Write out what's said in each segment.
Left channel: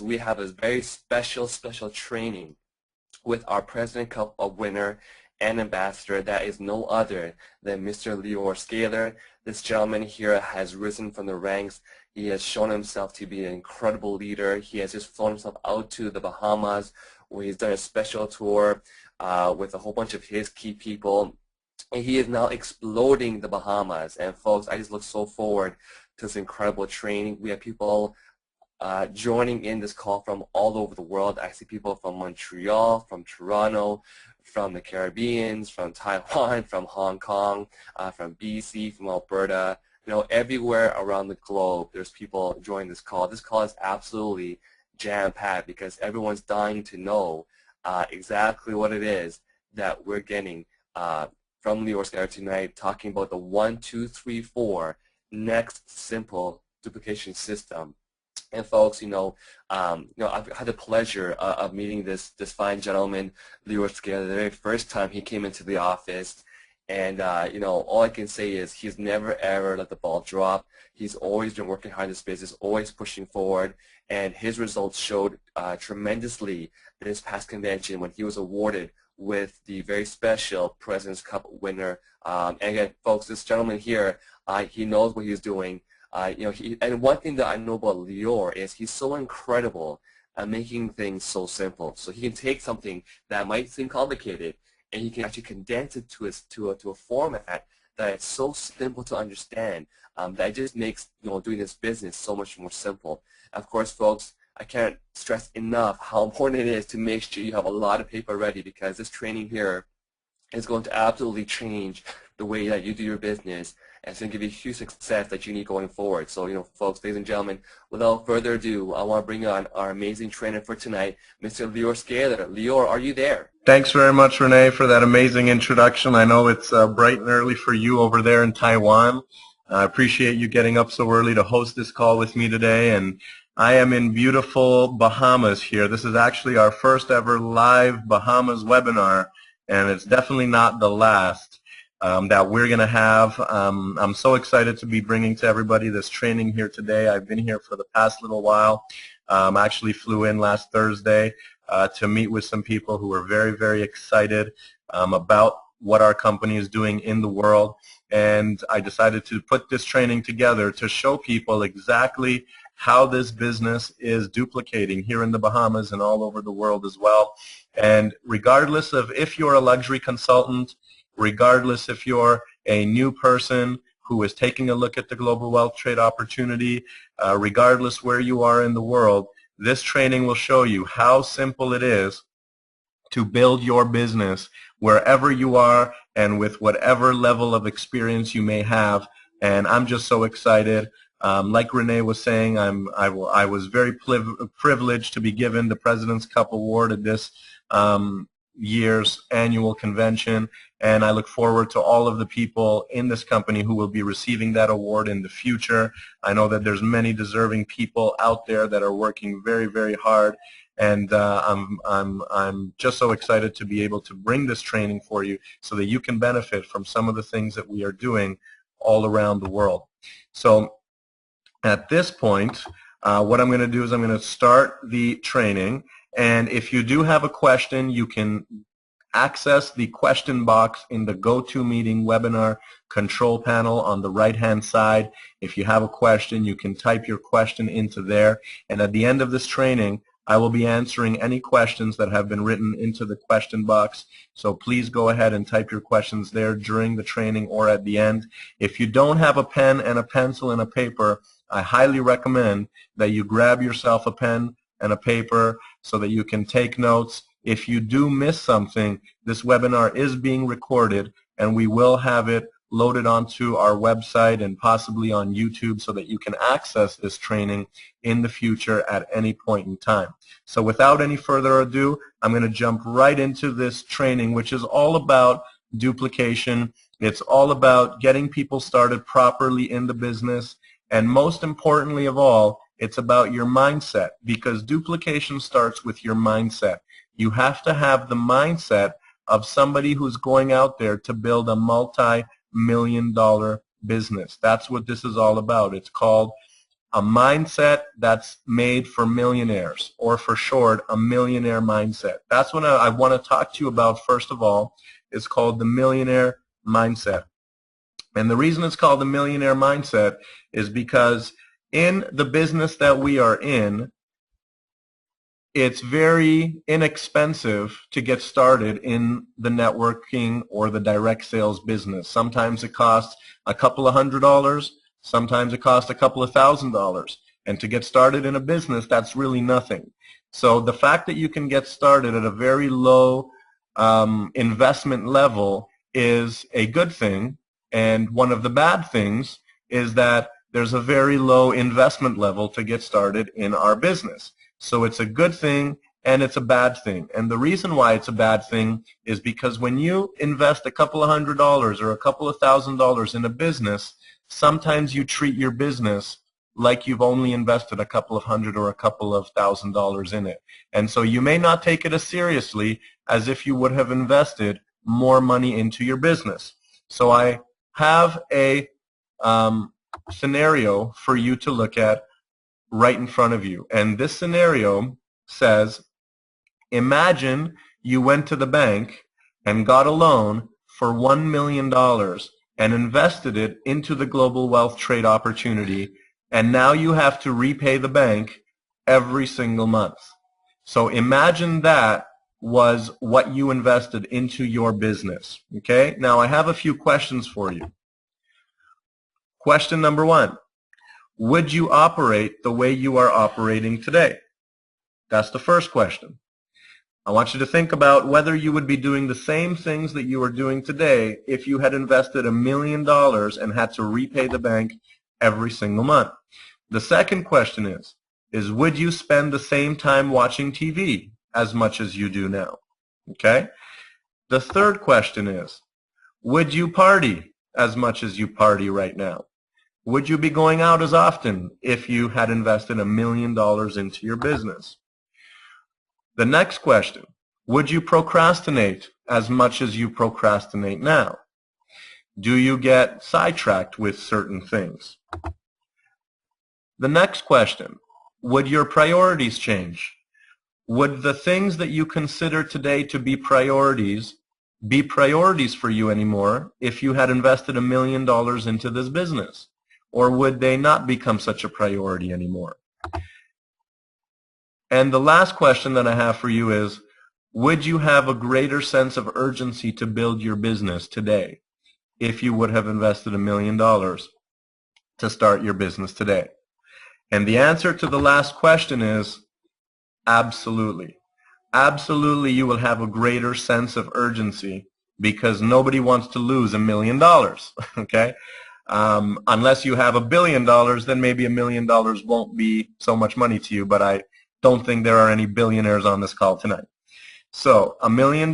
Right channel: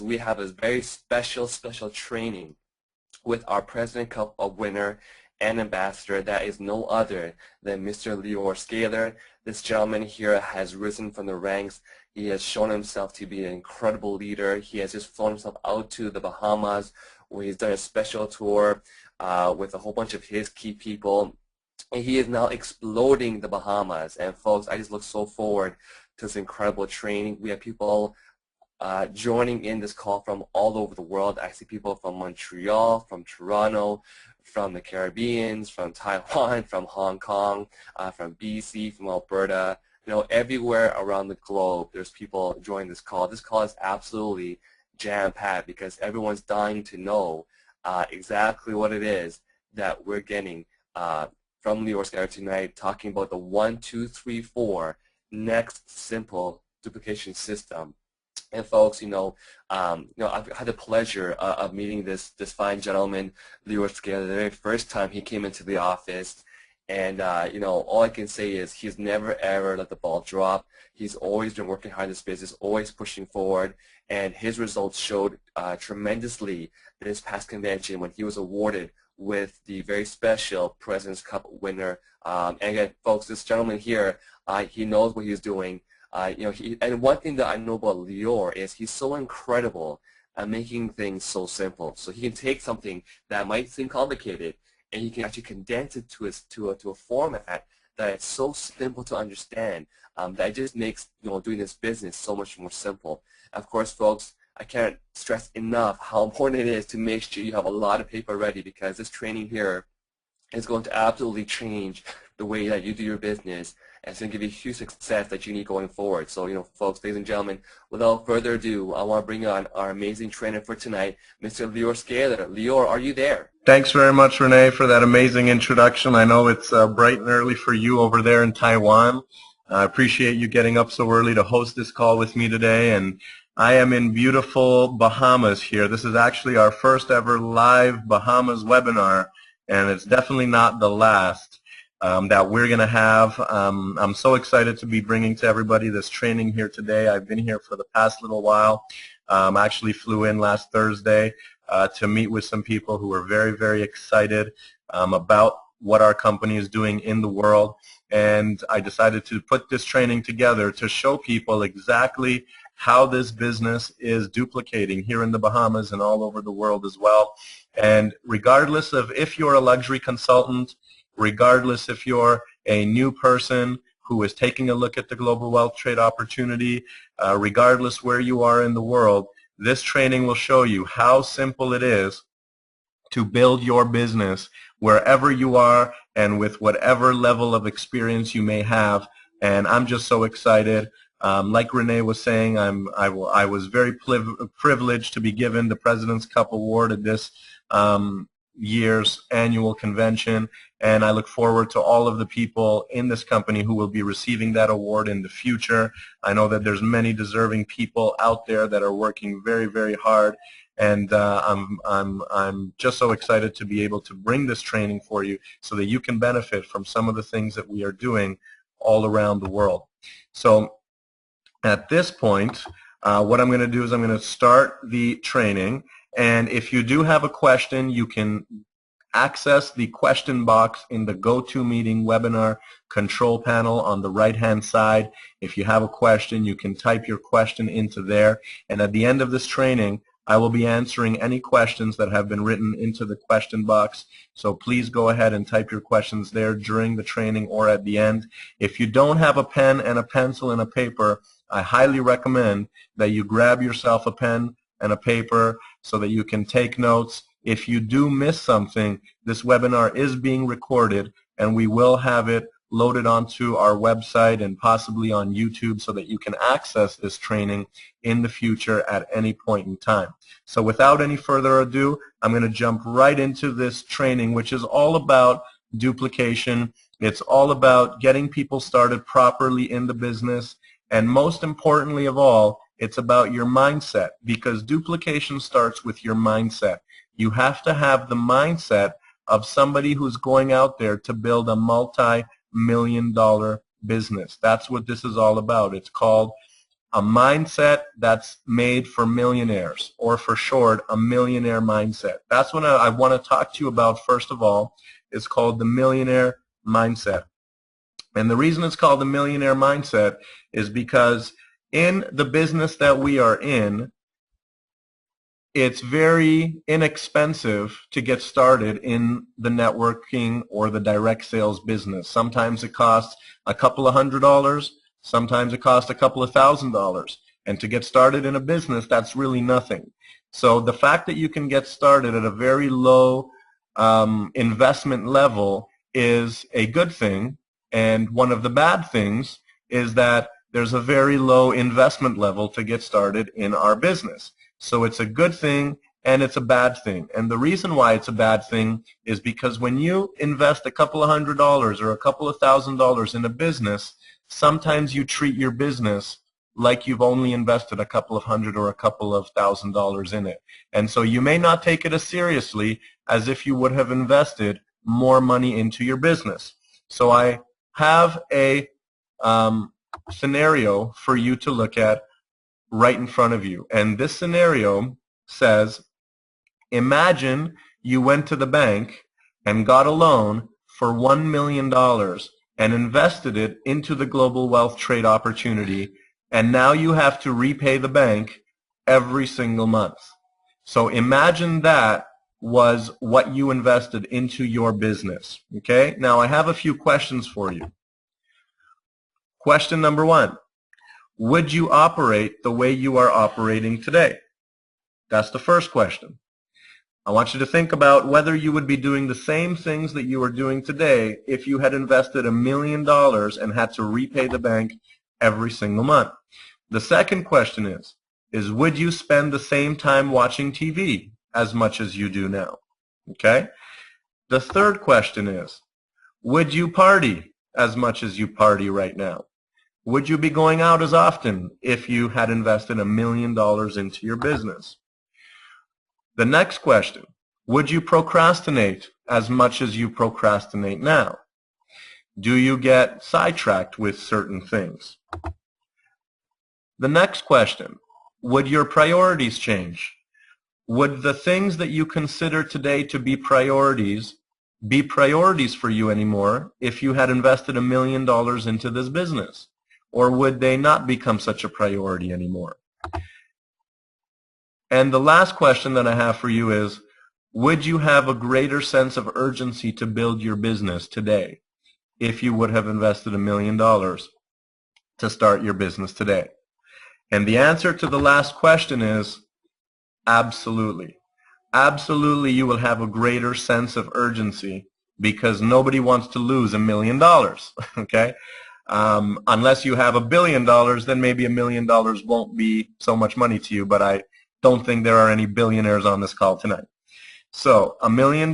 we have a very special training with our President Cup winner and ambassador that is no other than Mr. Lior Scaler. This gentleman here has risen from the ranks. He has shown himself to be an incredible leader. He has just flown himself out to the Bahamas where he's done a special tour with a whole bunch of his key people. And he is now exploding the Bahamas. And folks, I just look so forward to this incredible training. We have people joining in this call from all over the world. I see people from Montreal, from Toronto, from the Caribbean, from Taiwan, from Hong Kong, from BC, from Alberta. You know, everywhere around the globe, there's people joining this call. This call is absolutely jam-packed because everyone's dying to know exactly what it is that we're getting from Lior Scaler tonight, talking about the 1, 2, 3, 4 next simple duplication system. And folks, I've had the pleasure of meeting this fine gentleman, Lior Scaler, the very first time he came into the office. And all I can say is he's never ever let the ball drop. He's always been working hard in this business, always pushing forward, and his results showed tremendously this past convention when he was awarded with the very special President's Cup winner. And again, folks, this gentleman here, he knows what he's doing. And one thing that I know about Lior is he's so incredible at making things so simple. So he can take something that might seem complicated, and he can actually condense it to a format that is so simple to understand that it just makes doing this business so much more simple. Of course, folks, I can't stress enough how important it is to make sure you have a lot of paper ready, because this training here is going to absolutely change the way that you do your business, and it's going to give you huge success that you need going forward. So, folks, ladies and gentlemen, without further ado, I want to bring on our amazing trainer for tonight, Mr. Lior Scaler. Lior, are you there? Thanks very much, Renee, for that amazing introduction. I know it's bright and early for you over there in Taiwan. I appreciate you getting up so early to host this call with me today. And I am in beautiful Bahamas here. This is actually our first ever live Bahamas webinar, and it's definitely not the last that we're going to have. I'm so excited to be bringing to everybody this training here today. I've been here for the past little while. I actually flew in last Thursday to meet with some people who are very, very excited about what our company is doing in the world. And I decided to put this training together to show people exactly how this business is duplicating here in the Bahamas and all over the world as well. And regardless of if you're a luxury consultant, regardless if you're a new person who is taking a look at the global wealth trade opportunity, regardless where you are in the world, this training will show you how simple it is to build your business wherever you are and with whatever level of experience you may have. And I'm just so excited. Like Renee was saying, I was very privileged to be given the President's Cup Award at this year's annual convention, and I look forward to all of the people in this company who will be receiving that award in the future. I know that there's many deserving people out there that are working very, very hard, and I'm just so excited to be able to bring this training for you so that you can benefit from some of the things that we are doing all around the world. So at this point, what I'm going to do is I'm going to start the training. And if you do have a question, you can access the question box in the GoToMeeting webinar control panel on the right-hand side. If you have a question, you can type your question into there. And at the end of this training, I will be answering any questions that have been written into the question box. So please go ahead and type your questions there during the training or at the end. If you don't have a pen and a pencil and a paper, I highly recommend that you grab yourself a pen and a paper so that you can take notes. If you do miss something, this webinar is being recorded, and we will have it loaded onto our website and possibly on YouTube so that you can access this training in the future at any point in time. So without any further ado, I'm going to jump right into this training, which is all about duplication. It's all about getting people started properly in the business, and most importantly of all, it's about your mindset, because duplication starts with your mindset. You have to have the mindset of somebody who's going out there to build a multi-million-dollar business. That's what this is all about. It's called a mindset that's made for millionaires, or for short, a millionaire mindset. That's what I want to talk to you about first of all. It's called the millionaire mindset. And the reason it's called the millionaire mindset is because in the business that we are in, it's very inexpensive to get started in the networking or the direct sales business. Sometimes it costs a couple of $100. Sometimes it costs a couple of $1,000. And to get started in a business, that's really nothing. So the fact that you can get started at a very low investment level is a good thing. And one of the bad things is that there's a very low investment level to get started in our business. So it's a good thing and it's a bad thing. And the reason why it's a bad thing is because when you invest a couple of $100 or a couple of $1,000 in a business, sometimes you treat your business like you've only invested a couple of $100 or a couple of $1,000 in it. And so you may not take it as seriously as if you would have invested more money into your business. So I have a scenario for you to look at right in front of you. And this scenario says, imagine you went to the bank and got a loan for $1 million and invested it into the global wealth trade opportunity, and now you have to repay the bank every single month. So imagine that was what you invested into your business. Okay? Now I have a few questions for you. Question number one. Would you operate the way you are operating today? That's the first question. I want you to think about whether you would be doing the same things that you are doing today if you had invested $1 million and had to repay the bank every single month. The second question is would you spend the same time watching TV as much as you do now? Okay? The third question is, would you party as much as you party right now? Would you be going out as often if you had invested $1 million into your business? The next question, would you procrastinate as much as you procrastinate now? Do you get sidetracked with certain things? The next question, would your priorities change? Would the things that you consider today to be priorities for you anymore if you had invested $1 million into this business? Or would they not become such a priority anymore? And the last question that I have for you is, would you have a greater sense of urgency to build your business today if you would have invested $1 million to start your business today? And the answer to the last question is absolutely. Absolutely, you will have a greater sense of urgency because nobody wants to lose $1 million, okay? Unless you have $1 billion, then maybe $1 million won't be so much money to you, but I don't think there are any billionaires on this call tonight. So $1 million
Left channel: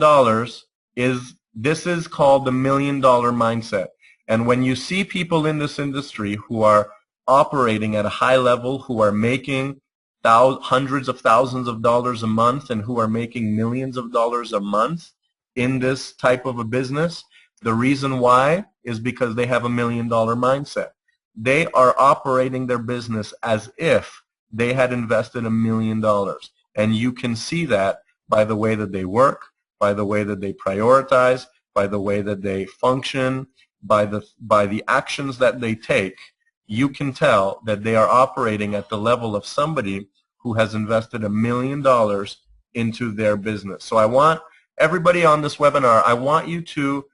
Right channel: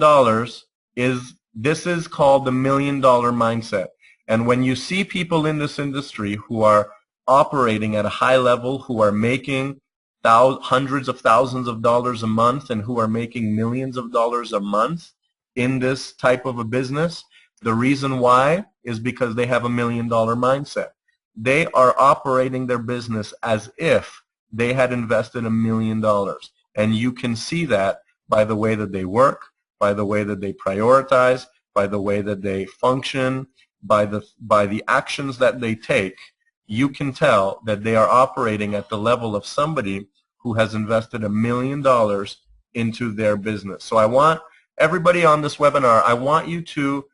is called the $1 million mindset. And when you see people in this industry who are operating at a high level, who are making hundreds of thousands of dollars a month and who are making millions of dollars a month in this type of a business, the reason why is because they have $1 million mindset. They are operating their business as if they had invested $1 million. And you can see that by the way that they work, by the way that they prioritize, by the way that they function, by the actions that they take. You can tell that they are operating at the level of somebody who has invested $1 million into their business. So I want everybody on this webinar, I want you to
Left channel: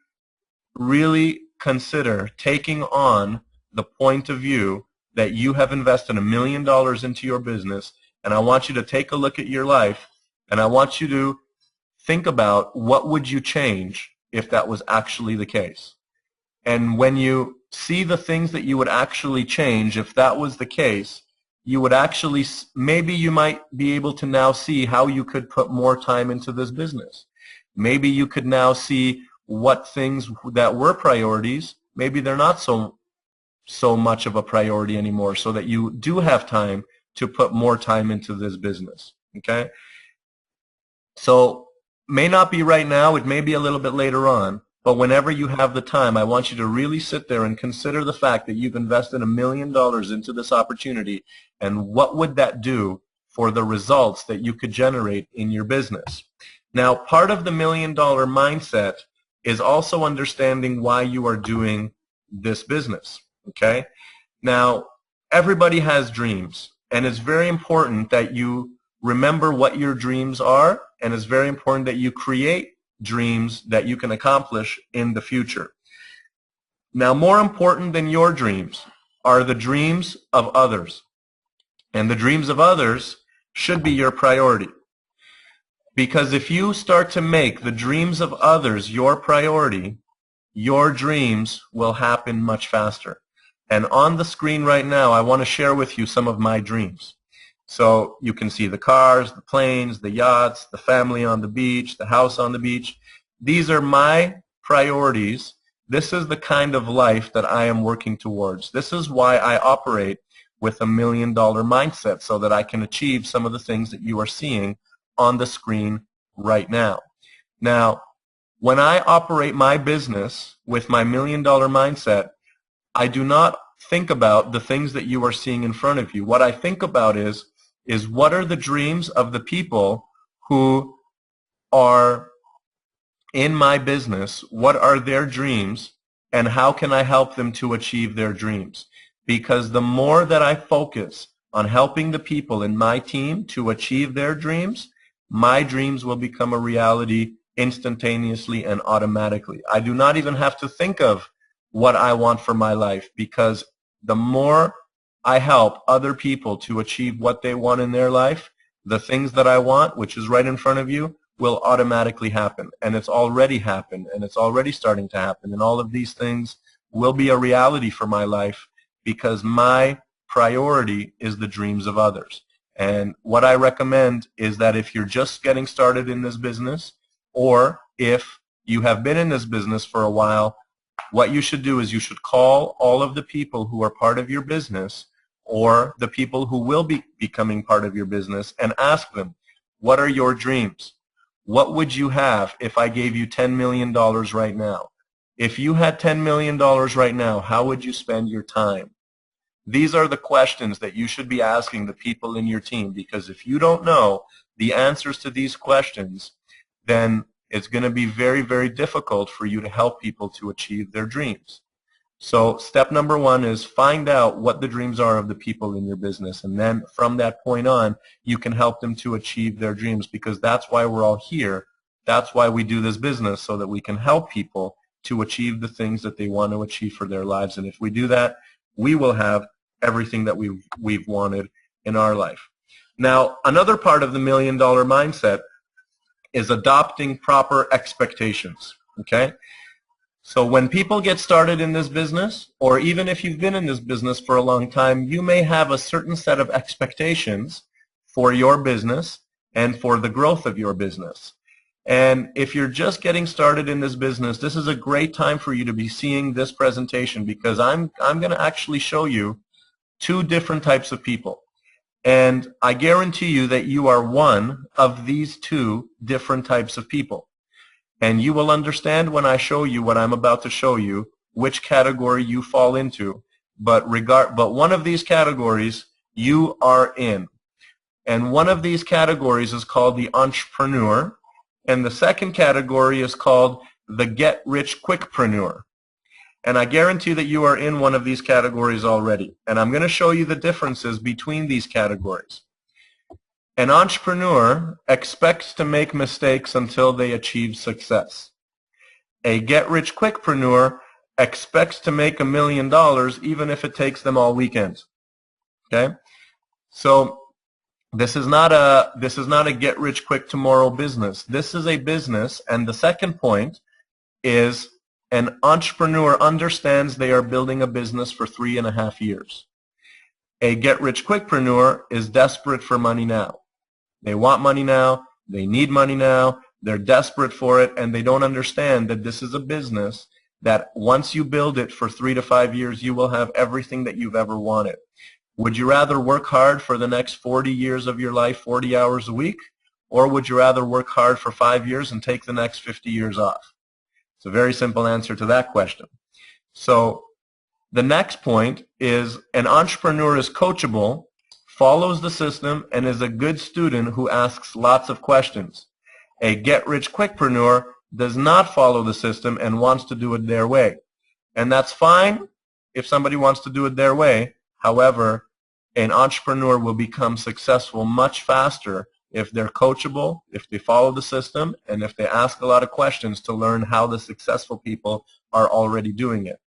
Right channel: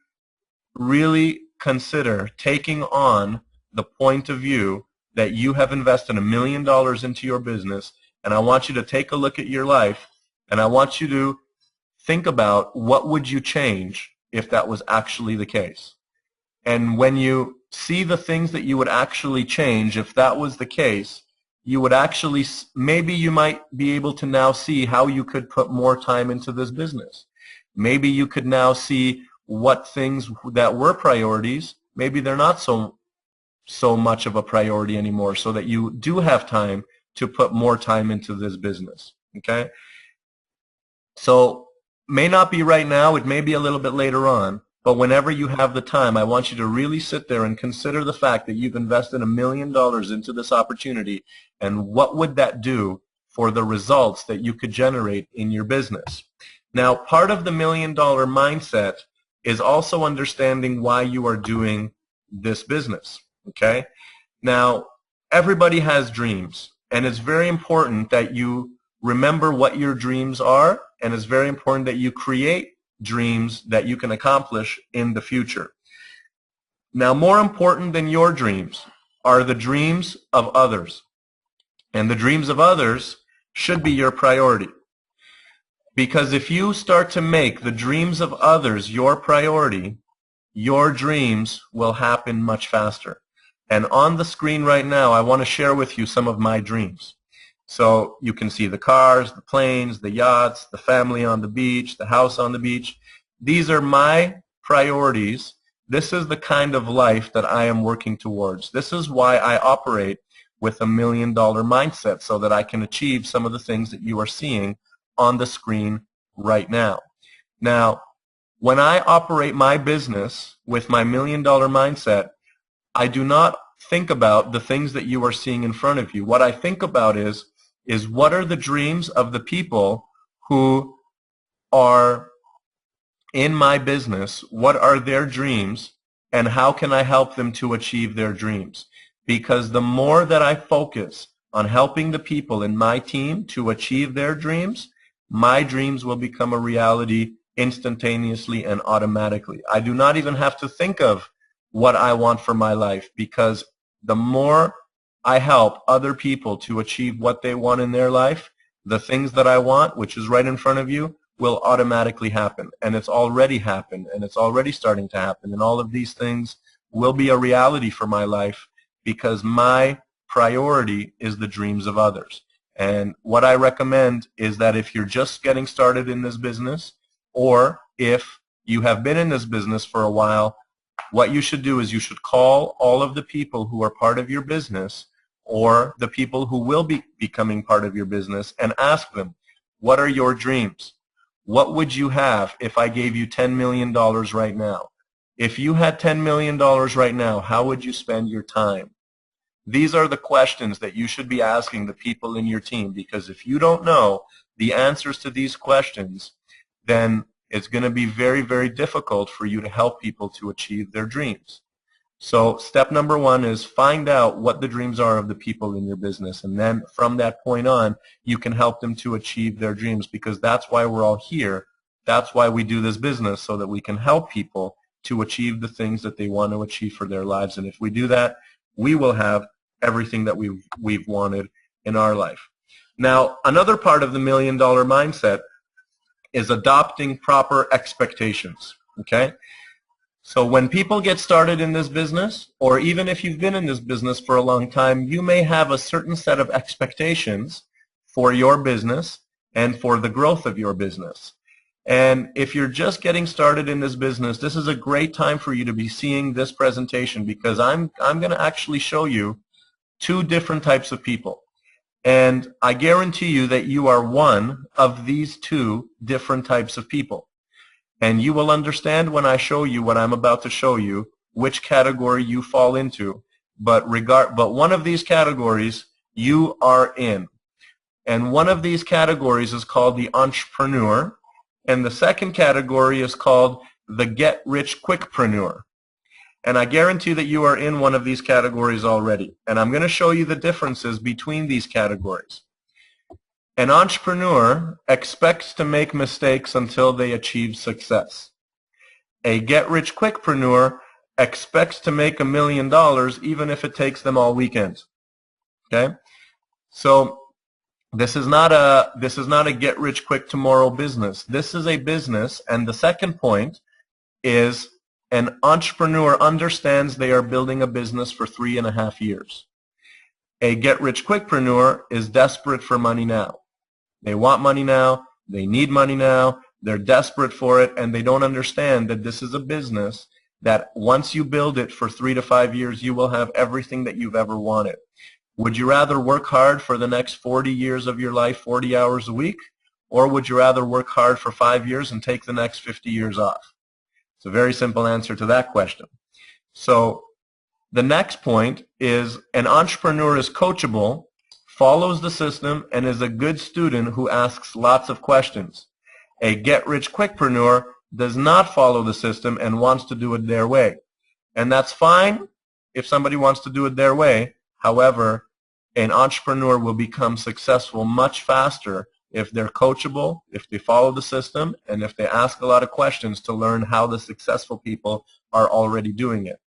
really consider taking on the point of view that you have invested $1 million into your business, and I want you to take a look at your life, and I want you to think about what would you change if that was actually the case. And when you see the things that you would actually change if that was the case, you would actually, maybe you might be able to now see how you could put more time into this business. Maybe you could now see what things that were priorities, maybe they're not so much of a priority anymore, so that you do have time to put more time into this business. Okay? So may not be right now, it may be a little bit later on, but whenever you have the time, I want you to really sit there and consider the fact that you've invested $1 million into this opportunity, and what would that do for the results that you could generate in your business. Now, part of the $1 million mindset is also understanding why you are doing this business, okay? Now, everybody has dreams, and it's very important that you remember what your dreams are, and it's very important that you create dreams that you can accomplish in the future. Now, more important than your dreams are the dreams of others, and the dreams of others should be your priority. Because if you start to make the dreams of others your priority, your dreams will happen much faster. And on the screen right now, I want to share with you some of my dreams. So you can see the cars, the planes, the yachts, the family on the beach, the house on the beach. These are my priorities. This is the kind of life that I am working towards. This is why I operate with $1 million mindset, so that I can achieve some of the things that you are seeing on the screen right now. Now, when I operate my business with my $1 million mindset, I do not think about the things that you are seeing in front of you. What I think about is what are the dreams of the people who are in my business? What are their dreams, and how can I help them to achieve their dreams? Because the more that I focus on helping the people in my team to achieve their dreams, my dreams will become a reality instantaneously and automatically. I do not even have to think of what I want for my life, because the more I help other people to achieve what they want in their life, the things that I want, which is right in front of you, will automatically happen. And it's already happened, and it's already starting to happen. And all of these things will be a reality for my life, because my priority is the dreams of others. And what I recommend is that if you're just getting started in this business, or if you have been in this business for a while, what you should do is you should call all of the people who are part of your business, or the people who will be becoming part of your business, and ask them, what are your dreams? What would you have if I gave you $10 million right now? If you had $10 million right now, how would you spend your time? These are the questions that you should be asking the people in your team, because if you don't know the answers to these questions, then it's going to be very, very difficult for you to help people to achieve their dreams. So step number one is find out what the dreams are of the people in your business, and then from that point on, you can help them to achieve their dreams, because that's why we're all here. That's why we do this business, so that we can help people to achieve the things that they want to achieve for their lives. And if we do that, we will have everything that we've wanted in our life. Now, another part of the $1 million mindset is adopting proper expectations, okay? So when people get started in this business, or even if you've been in this business for a long time, you may have a certain set of expectations for your business and for the growth of your business. And if you're just getting started in this business, this is a great time for you to be seeing this presentation, because I'm going to actually show you two different types of people. And I guarantee you that you are one of these two different types of people. And you will understand when I show you what I'm about to show you, which category you fall into. But one of these categories you are in. And one of these categories is called the entrepreneur. And the second category is called the get-rich-quickpreneur. And I guarantee that you are in one of these categories already. And I'm going to show you the differences between these categories. An entrepreneur expects to make mistakes until they achieve success. A get-rich-quickpreneur expects to make $1 million even if it takes them all weekend. Okay? So this is not a get-rich-quick-tomorrow business. This is a business, and the second point is an entrepreneur understands they are building a business for 3.5 years. A get-rich-quickpreneur is desperate for money now. They want money now, they need money now, they're desperate for it, and they don't understand that this is a business that once you build it for 3 to 5 years, you will have everything that you've ever wanted. Would you rather work hard for the next 40 years of your life, 40 hours a week, or would you rather work hard for 5 years and take the next 50 years off? It's a very simple answer to that question. So the next point is an entrepreneur is coachable, follows the system, and is a good student who asks lots of questions. A get-rich-quickpreneur does not follow the system and wants to do it their way. And that's fine if somebody wants to do it their way. However, an entrepreneur will become successful much faster if they're coachable, if they follow the system, and if they ask a lot of questions to learn how the successful people are already doing it.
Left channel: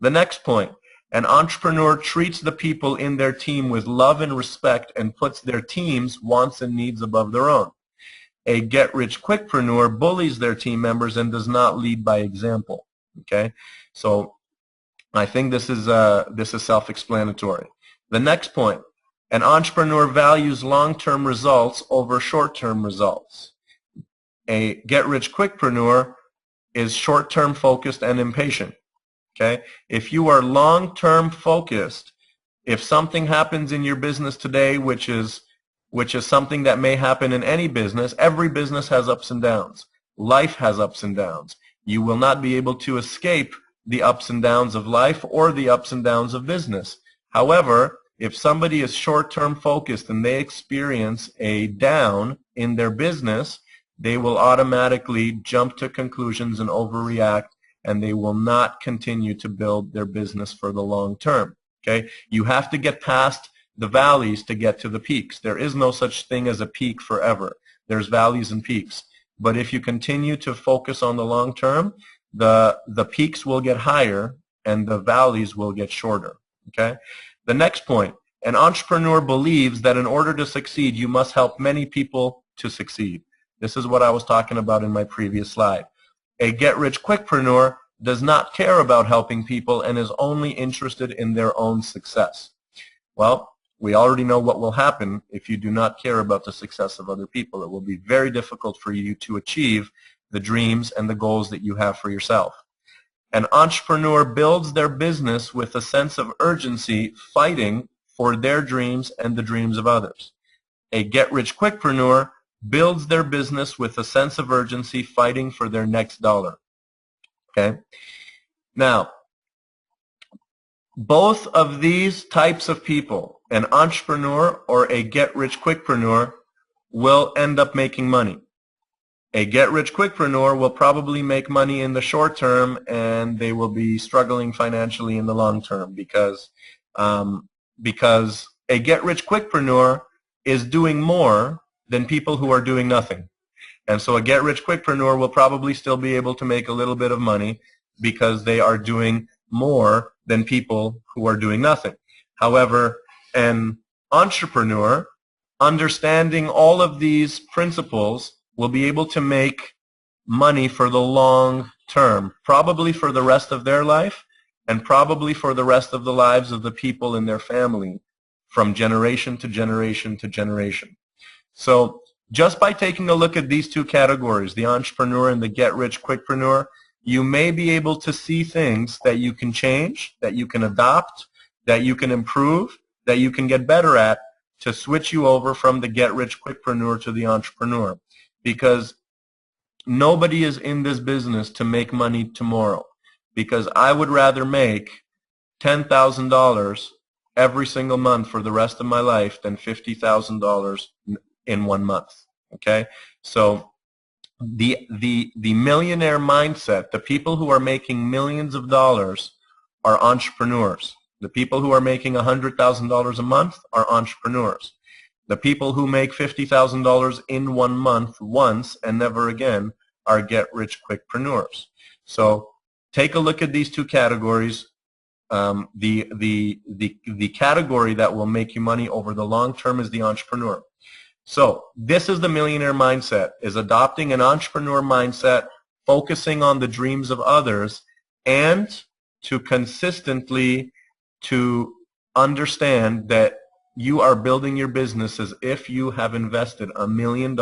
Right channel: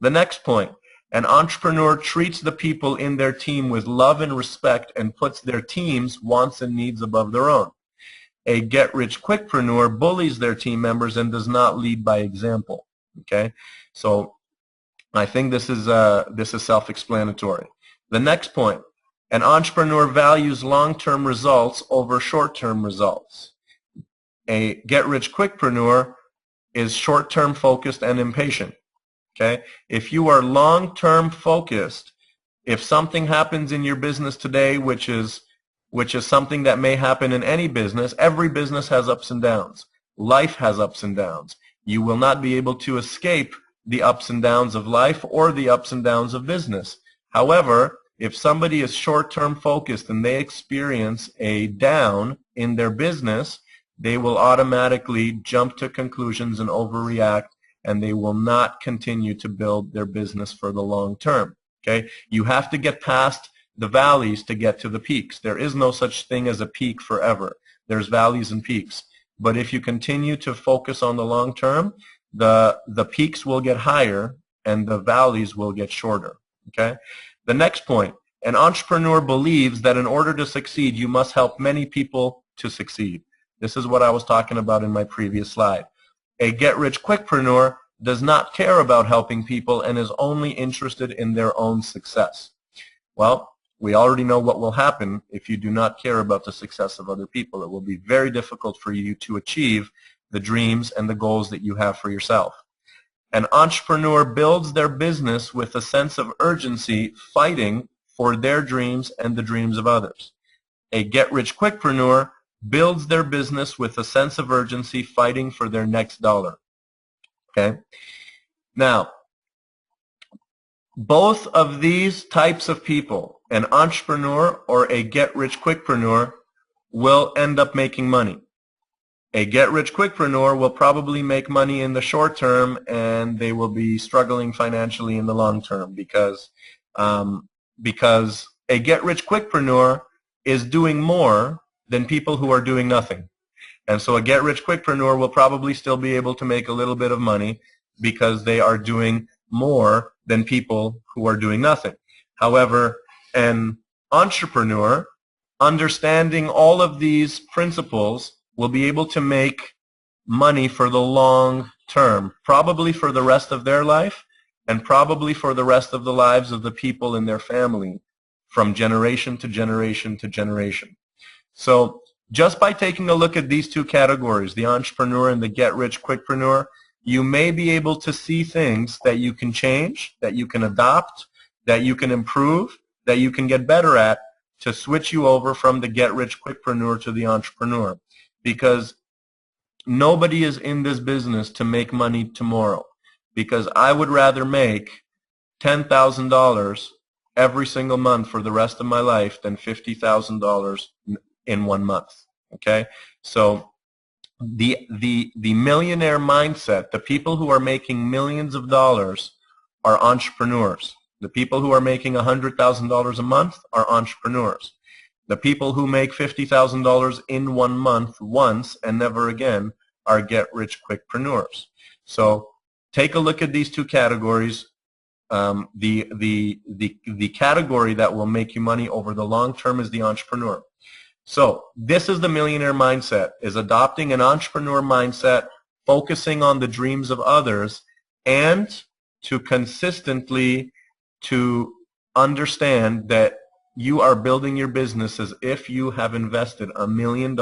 The next point, an entrepreneur treats the people in their team with love and respect and puts their team's wants and needs above their own. A get-rich-quickpreneur bullies their team members and does not lead by example. Okay, so I think this is self-explanatory. The next point, an entrepreneur values long-term results over short-term results. A get-rich-quickpreneur is short-term focused and impatient. Okay, if you are long-term focused, if something happens in your business today, which is something that may happen in any business, every business has ups and downs. Life has ups and downs. You will not be able to escape the ups and downs of life or the ups and downs of business. However, if somebody is short-term focused and they experience a down in their business, they will automatically jump to conclusions and overreact, and they will not continue to build their business for the long term. Okay? You have to get past the valleys to get to the peaks. There is no such thing as a peak forever. There's valleys and peaks. But if you continue to focus on the long term, the peaks will get higher and the valleys will get shorter. Okay? The next point, an entrepreneur believes that in order to succeed, you must help many people to succeed. This is what I was talking about in my previous slide. A get-rich-quickpreneur does not care about helping people and is only interested in their own success. Well, we already know what will happen if you do not care about the success of other people. It will be very difficult for you to achieve the dreams and the goals that you have for yourself. An entrepreneur builds their business with a sense of urgency, fighting for their dreams and the dreams of others. A get-rich-quickpreneur builds their business with a sense of urgency, fighting for their next dollar. Okay? Now, both of these types of people, an entrepreneur or a get-rich-quickpreneur, will end up making money. A get-rich-quickpreneur will probably make money in the short term, and they will be struggling financially in the long term because a get-rich-quickpreneur is doing more than people who are doing nothing. And so a get-rich-quickpreneur will probably still be able to make a little bit of money because they are doing more than people who are doing nothing. However, an entrepreneur, understanding all of these principles, will be able to make money for the long term, probably for the rest of their life and probably for the rest of the lives of the people in their family from generation to generation to generation. So just by taking a look at these two categories, the entrepreneur and the get-rich-quickpreneur, you may be able to see things that you can change, that you can adopt, that you can improve, that you can get better at to switch you over from the get-rich-quickpreneur to the entrepreneur. Because nobody is in this business to make money tomorrow. Because I would rather make $10,000 every single month for the rest of my life than $50,000 in 1 month. Okay? So the millionaire mindset, the people who are making millions of dollars are entrepreneurs. The people who are making $100,000 a month are entrepreneurs. The people who make $50,000 in 1 month once and never again are get-rich-quickpreneurs. So take a look at these two categories. The category that will make you money over the long term is the entrepreneur. So this is the millionaire mindset, is adopting an entrepreneur mindset, focusing on the dreams of others, and to consistently to understand that you are building your business as if you have invested $1 million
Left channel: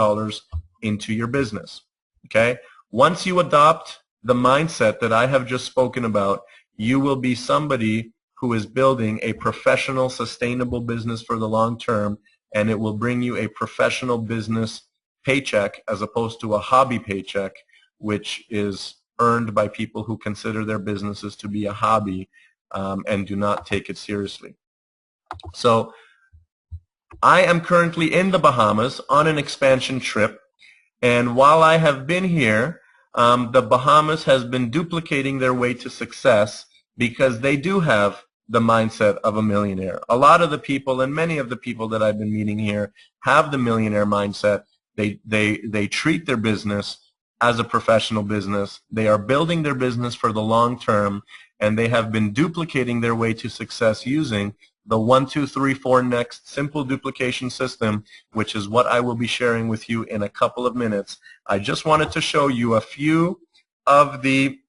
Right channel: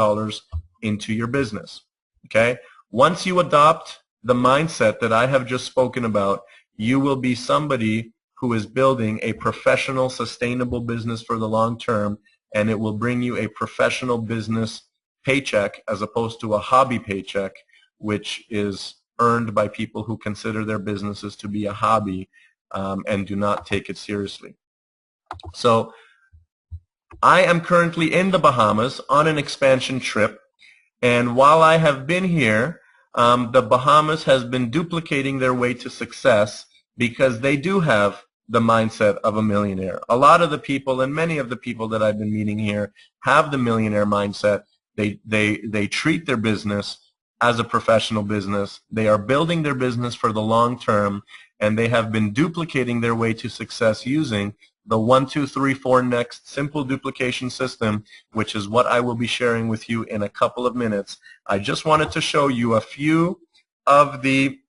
into your business. Okay? Once you adopt the mindset that I have just spoken about, you will be somebody who is building a professional, sustainable business for the long term, and it will bring you a professional business paycheck as opposed to a hobby paycheck, which is earned by people who consider their businesses to be a hobby and do not take it seriously. So I am currently in the Bahamas on an expansion trip, and while I have been here, the Bahamas has been duplicating their way to success because they do have the mindset of a millionaire. A lot of the people, and many of the people that I've been meeting here, have the millionaire mindset. They treat their business as a professional business. They are building their business for the long term, and they have been duplicating their way to success using the 1, 2, 3, 4 next simple duplication system, which is what I will be sharing with you in a couple of minutes. I just wanted to show you a few of the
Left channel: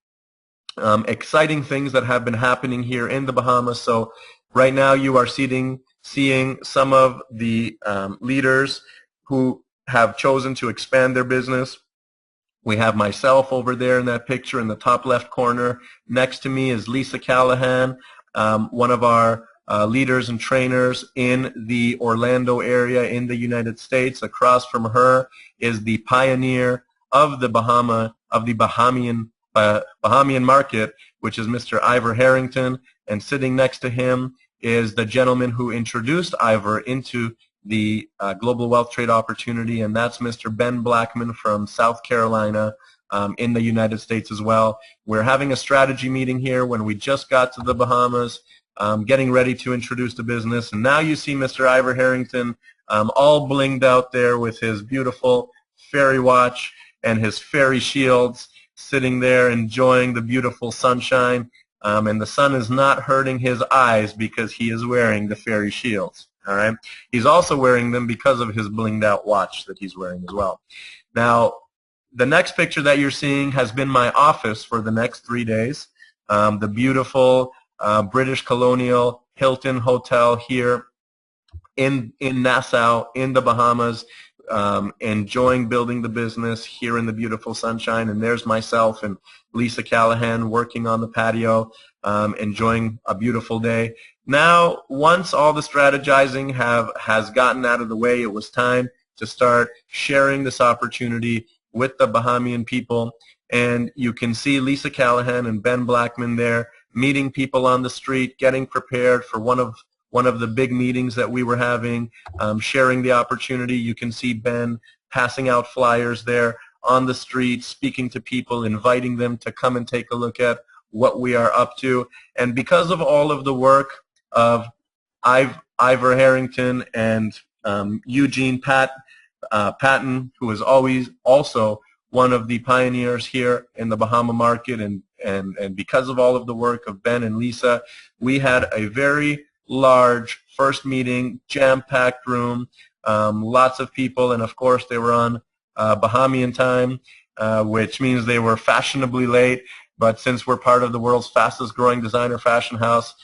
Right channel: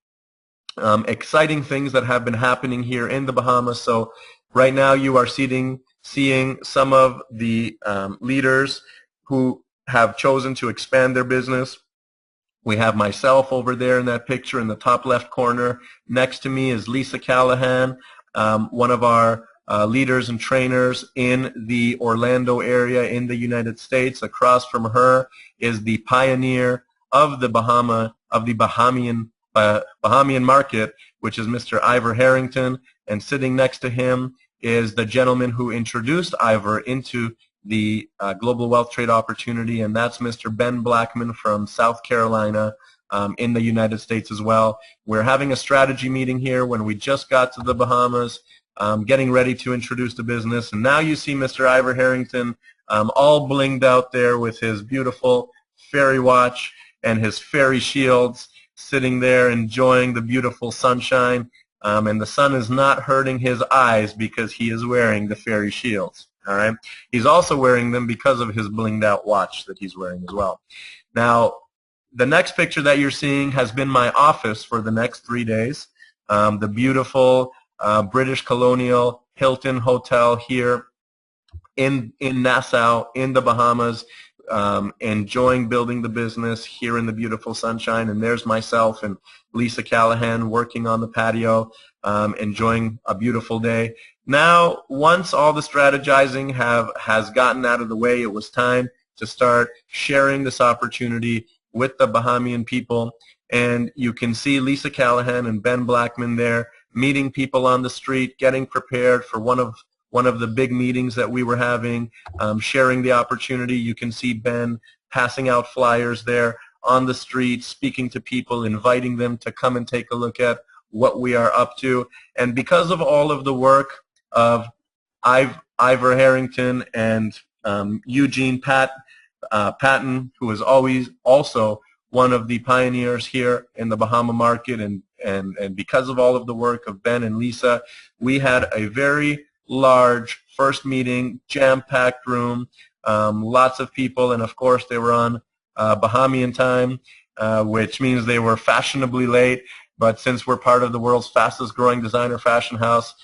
exciting things that have been happening here in the Bahamas. So right now you are seeing some of the leaders who have chosen to expand their business. We have myself over there in that picture in the top left corner. Next to me is Lisa Callahan, one of our leaders and trainers in the Orlando area in the United States. Across from her is the pioneer of the Bahamian market, which is Mr. Ivor Harrington, and sitting next to him is the gentleman who introduced Ivor into the global wealth trade opportunity, and that's Mr. Ben Blackman from South Carolina in the United States as well. We're having a strategy meeting here when we just got to the Bahamas, getting ready to introduce the business, and now you see Mr. Ivor Harrington all blinged out there with his beautiful fairy watch and his fairy shields, sitting there enjoying the beautiful sunshine, and the sun is not hurting his eyes because he is wearing the fairy shields. All right. He's also wearing them because of his blinged out watch that he's wearing as well. Now, the next picture that you're seeing has been my office for the next 3 days. The beautiful British Colonial Hilton Hotel here in Nassau, in the Bahamas, enjoying building the business here in the beautiful sunshine. And there's myself and Lisa Callahan working on the patio, enjoying a beautiful day. Now, once all the strategizing has gotten out of the way, it was time to start sharing this opportunity with the Bahamian people. And you can see Lisa Callahan and Ben Blackman there meeting people on the street, getting prepared for one of the big meetings that we were having, sharing the opportunity. You can see Ben passing out flyers there on the street, speaking to people, inviting them to come and take a look at what we are up to. And because of all of the work of Ivor Harrington and Eugene Patton, who is always also one of the pioneers here in the Bahama market, and because of all of the work of Ben and Lisa, we had a very large first meeting, jam-packed room, lots of people, and of course they were on Bahamian time, which means they were fashionably late. But since we're part of the world's fastest growing designer fashion house,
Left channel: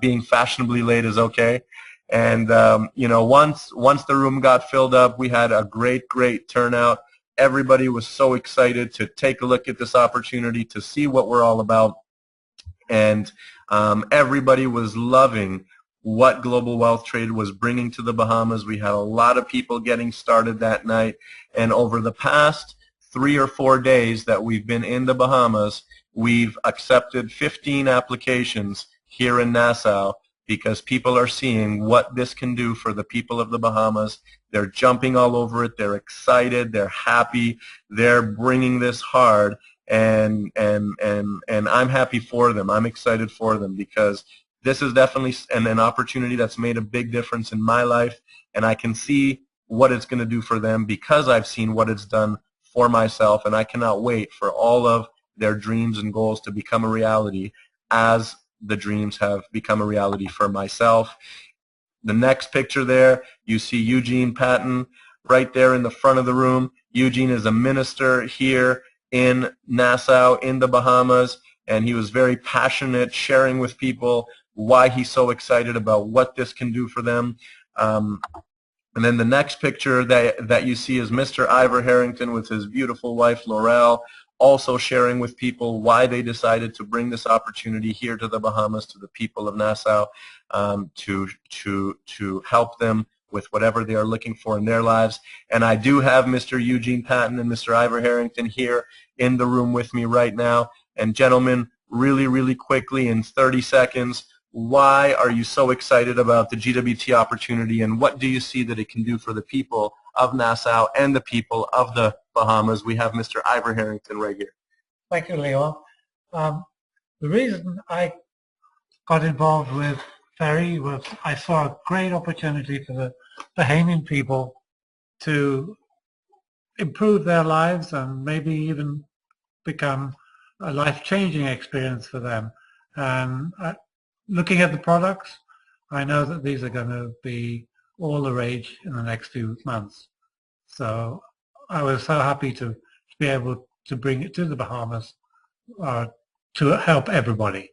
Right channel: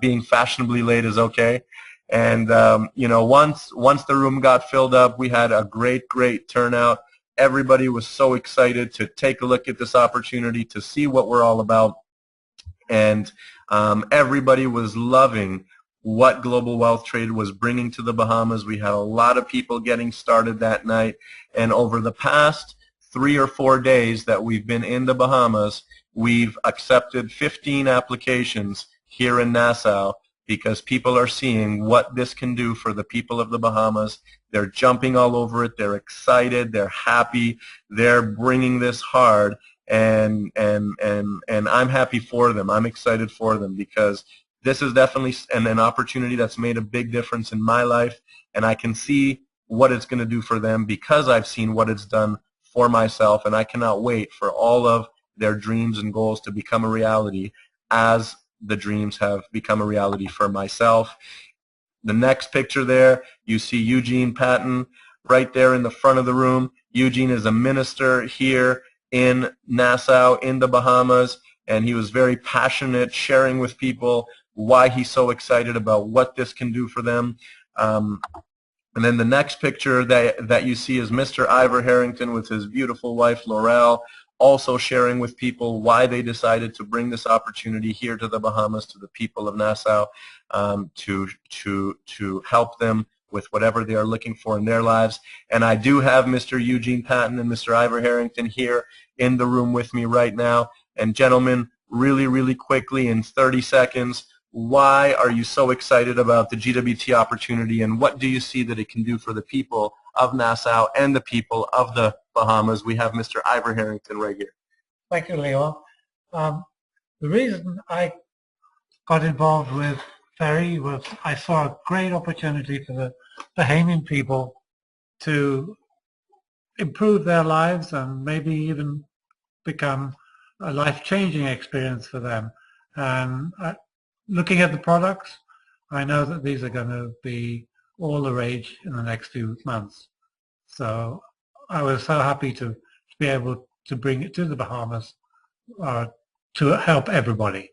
being fashionably late is okay. And you know, once the room got filled up, we had a great turnout. Everybody was so excited to take a look at this opportunity, to see what we're all about. And everybody was loving what Global Wealth Trade was bringing to the Bahamas. We had a lot of people getting started that night. And over the past 3 or 4 days that we've been in the Bahamas, we've accepted 15 applications here in Nassau because people are seeing what this can do for the people of the Bahamas. They're jumping all over it. They're excited. They're happy. They're bringing this hard. And I'm happy for them. I'm excited for them because this is definitely an opportunity that's made a big difference in my life, and I can see what it's going to do for them because I've seen what it's done for myself, and I cannot wait for all of their dreams and goals to become a reality as the dreams have become a reality for myself. The next picture there, you see Eugene Patton right there in the front of the room. Eugene is a minister here in Nassau, in the Bahamas, and he was very passionate, sharing with people why he's so excited about what this can do for them. And then the next picture that you see is Mr. Ivor Harrington with his beautiful wife, Laurel, also sharing with people why they decided to bring this opportunity here to the Bahamas, to the people of Nassau, to help them with whatever they are looking for in their lives. And I do have Mr. Eugene Patton and Mr. Ivor Harrington here in the room with me right now. And gentlemen, really, really quickly in 30 seconds, why are you so excited about the GWT opportunity, and what do you see that it can do for the people of Nassau and the people of the Bahamas? We have Mr. Ivor Harrington right here. Thank you, Leo. The reason I got involved with Ferry was I saw a great opportunity for the Bahamian people to improve their lives and maybe even become a life-changing experience for them. And looking at the products, I know that these are going to be all the rage in the next few months. So I was so happy to be able to bring it to the Bahamas to help everybody.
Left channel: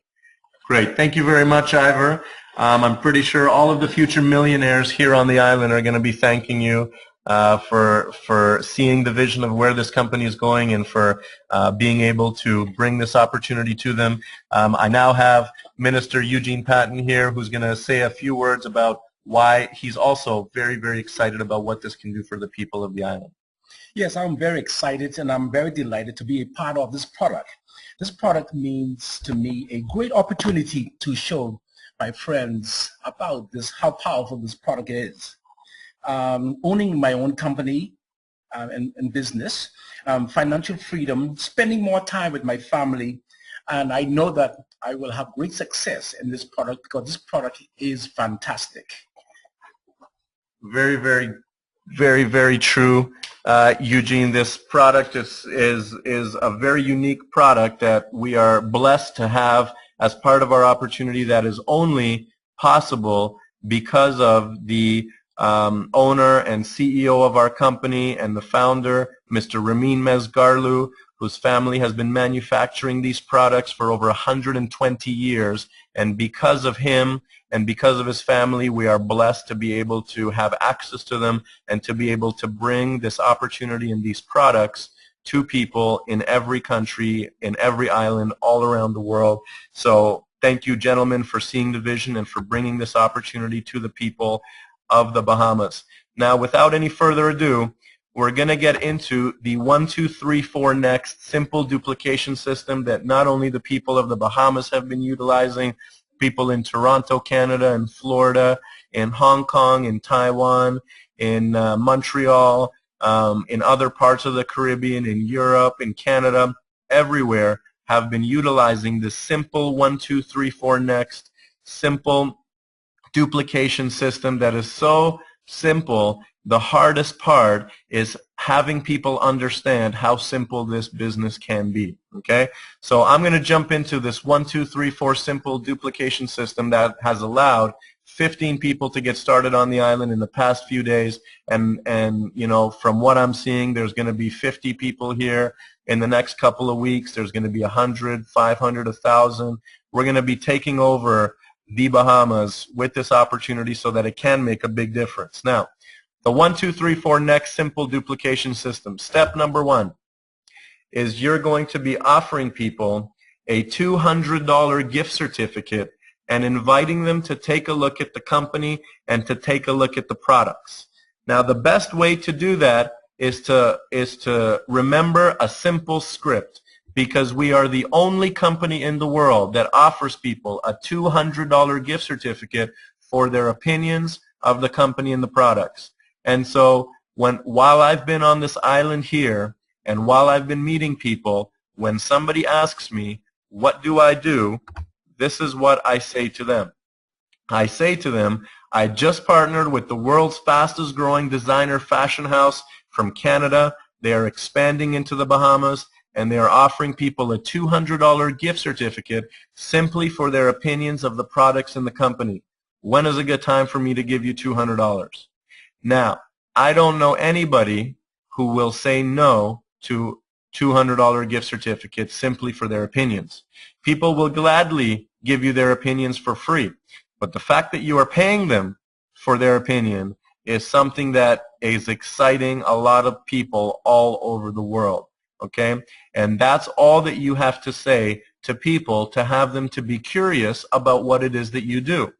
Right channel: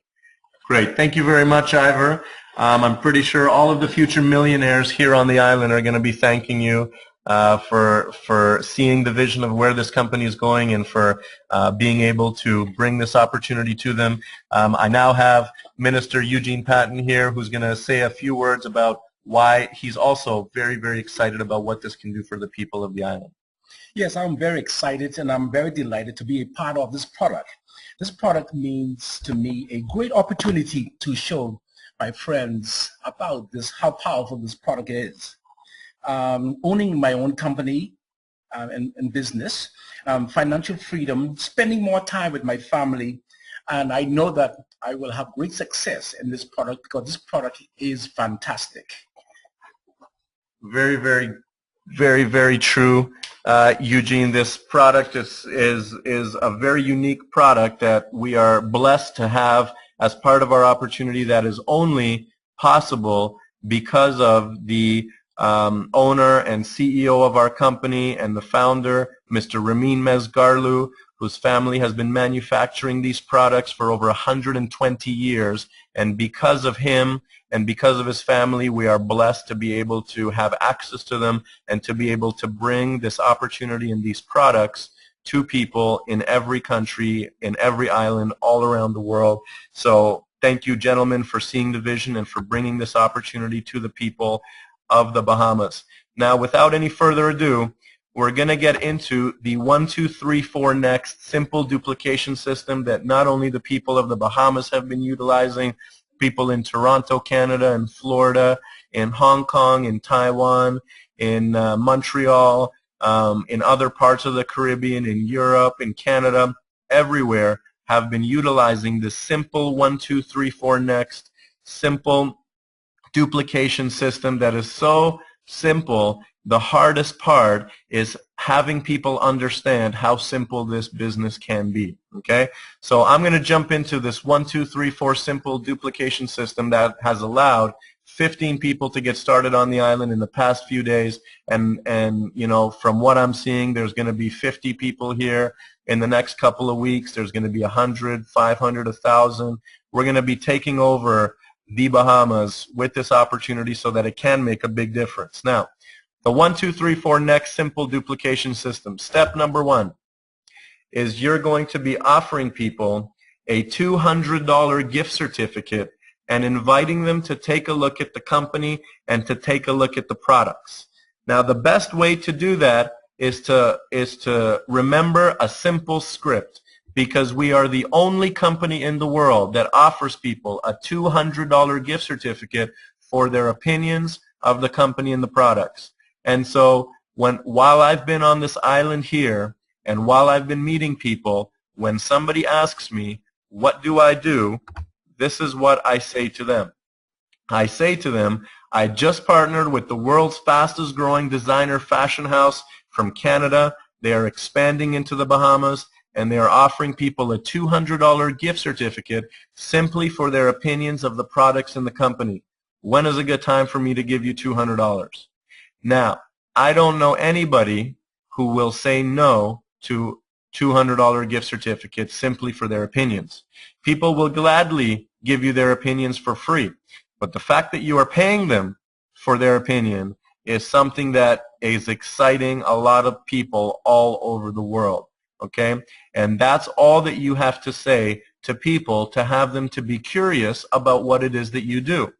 Great. Thank you very much, Ivor. I'm pretty sure all of the future millionaires here on the island are going to be thanking you for seeing the vision of where this company is going and for being able to bring this opportunity to them. I now have Minister Eugene Patton here, who's going to say a few words about why he's also very, very excited about what this can do for the people of the island. Yes, I'm very excited and I'm very delighted to be a part of this product. This product means to me a great opportunity to show my friends about this, how powerful this product is. Owning my own company and business, financial freedom, spending more time with my family, and I know that I will have great success in this product because this product is fantastic. Very, very, very, very true, Eugene. This product is a very unique product that we are blessed to have as part of our opportunity that is only possible because of the owner and CEO of our company and the founder, Mr. Ramin Mezgarlu, whose family has been manufacturing these products for over 120 years. And because of him and because of his family, we are blessed to be able to have access to them and to be able to bring this opportunity and these products to people in every country, in every island, all around the world. So thank you, gentlemen, for seeing the vision and for bringing this opportunity to the people of the Bahamas. Now, without any further ado, we're going to get into the 1, 2, 3, 4 next simple duplication system that not only the people of the Bahamas have been utilizing, people in Toronto, Canada, and Florida, in Hong Kong, in Taiwan, in Montreal, in other parts of the Caribbean, in Europe, in Canada, everywhere have been utilizing this simple 1, 2, 3, 4 next simple duplication system that is so simple. The hardest part is having people understand how simple this business can be. Okay, so I'm going to jump into this 1, 2, 3, 4 simple duplication system that has allowed 15 people to get started on the island in the past few days, and you know, from what I'm seeing, there's going to be 50 people here in the next couple of weeks. There's going to be 100, 500, 1,000. We're going to be taking over the Bahamas with this opportunity so that it can make a big difference. Now, the 1, 2, 3, 4 next simple duplication system. Step number 1 is you're going to be offering people a $200 gift certificate and inviting them to take a look at the company and to take a look at the products. Now, the best way to do that is to remember a simple script, because we are the only company in the world that offers people a $200 gift certificate for their opinions of the company and the products. And so while I've been on this island here and while I've been meeting people, when somebody asks me, what do? This is what I say to them. I say to them, I just partnered with the world's fastest growing designer fashion house from Canada. They are expanding into the Bahamas, and they are offering people a $200 gift certificate simply for their opinions of the products in the company. When is a good time for me to give you $200? Now, I don't know anybody who will say no to $200 gift certificates simply for their opinions. People will gladly give you their opinions for free, but the fact that you are paying them for their opinion is something that is exciting a lot of people all over the world. Okay? And that's all that you have to say to people to have them to be curious about what it is that you do.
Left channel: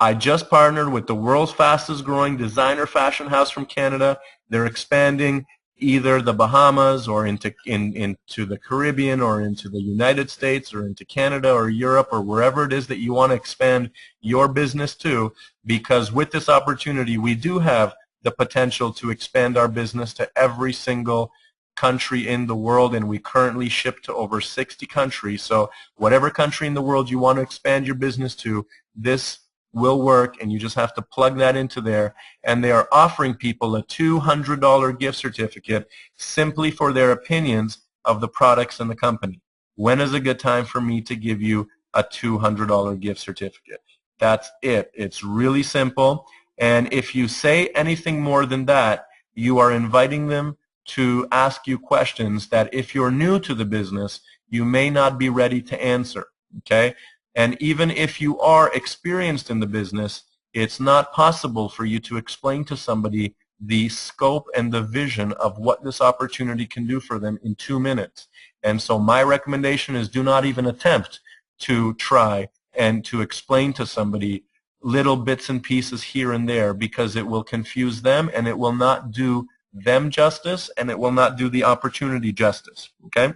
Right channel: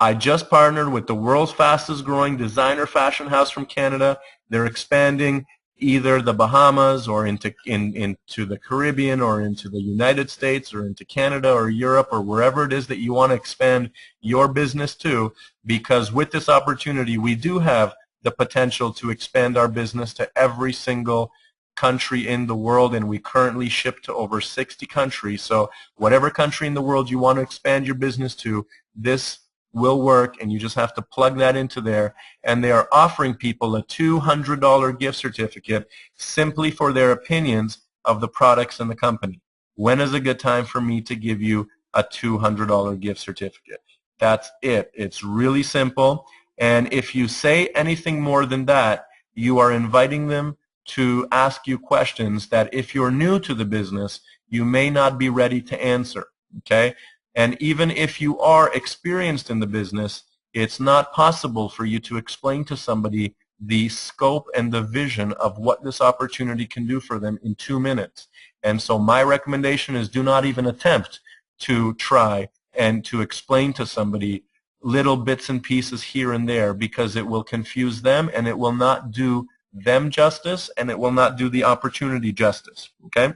I just partnered with the world's fastest growing designer fashion house from Canada. They're expanding either the Bahamas or into the Caribbean or into the United States or into Canada or Europe or wherever it is that you want to expand your business to, because with this opportunity we do have the potential to expand our business to every single country in the world, and we currently ship to over 60 countries. So whatever country in the world you want to expand your business to, this will work, and you just have to plug that into there. And they are offering people a $200 gift certificate simply for their opinions of the products in the company. When is a good time for me to give you a $200 gift certificate? That's it. It's really simple. And if you say anything more than that, you are inviting them to ask you questions that if you're new to the business, you may not be ready to answer. Okay? And even if you are experienced in the business, it's not possible for you to explain to somebody the scope and the vision of what this opportunity can do for them in 2 minutes. And so my recommendation is do not even attempt to try and to explain to somebody little bits and pieces here and there, because it will confuse them and it will not do them justice and it will not do the opportunity justice. Okay?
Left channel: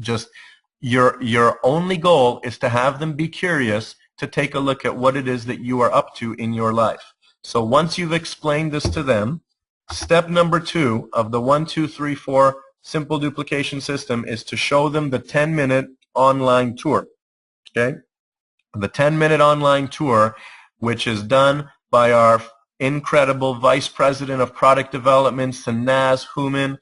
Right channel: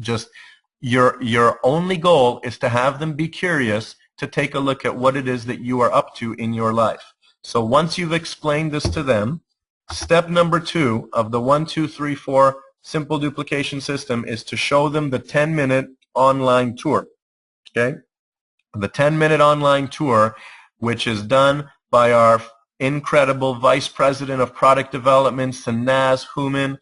Just your only goal is to have them be curious to take a look at what it is that you are up to in your life. So once you've explained this to them, step number 2 of the 1, 2, 3, 4 simple duplication system is to show them the 10-minute online tour. Okay? The 10-minute online tour, which is done by our incredible Vice President of Product Development, Sanaz Human,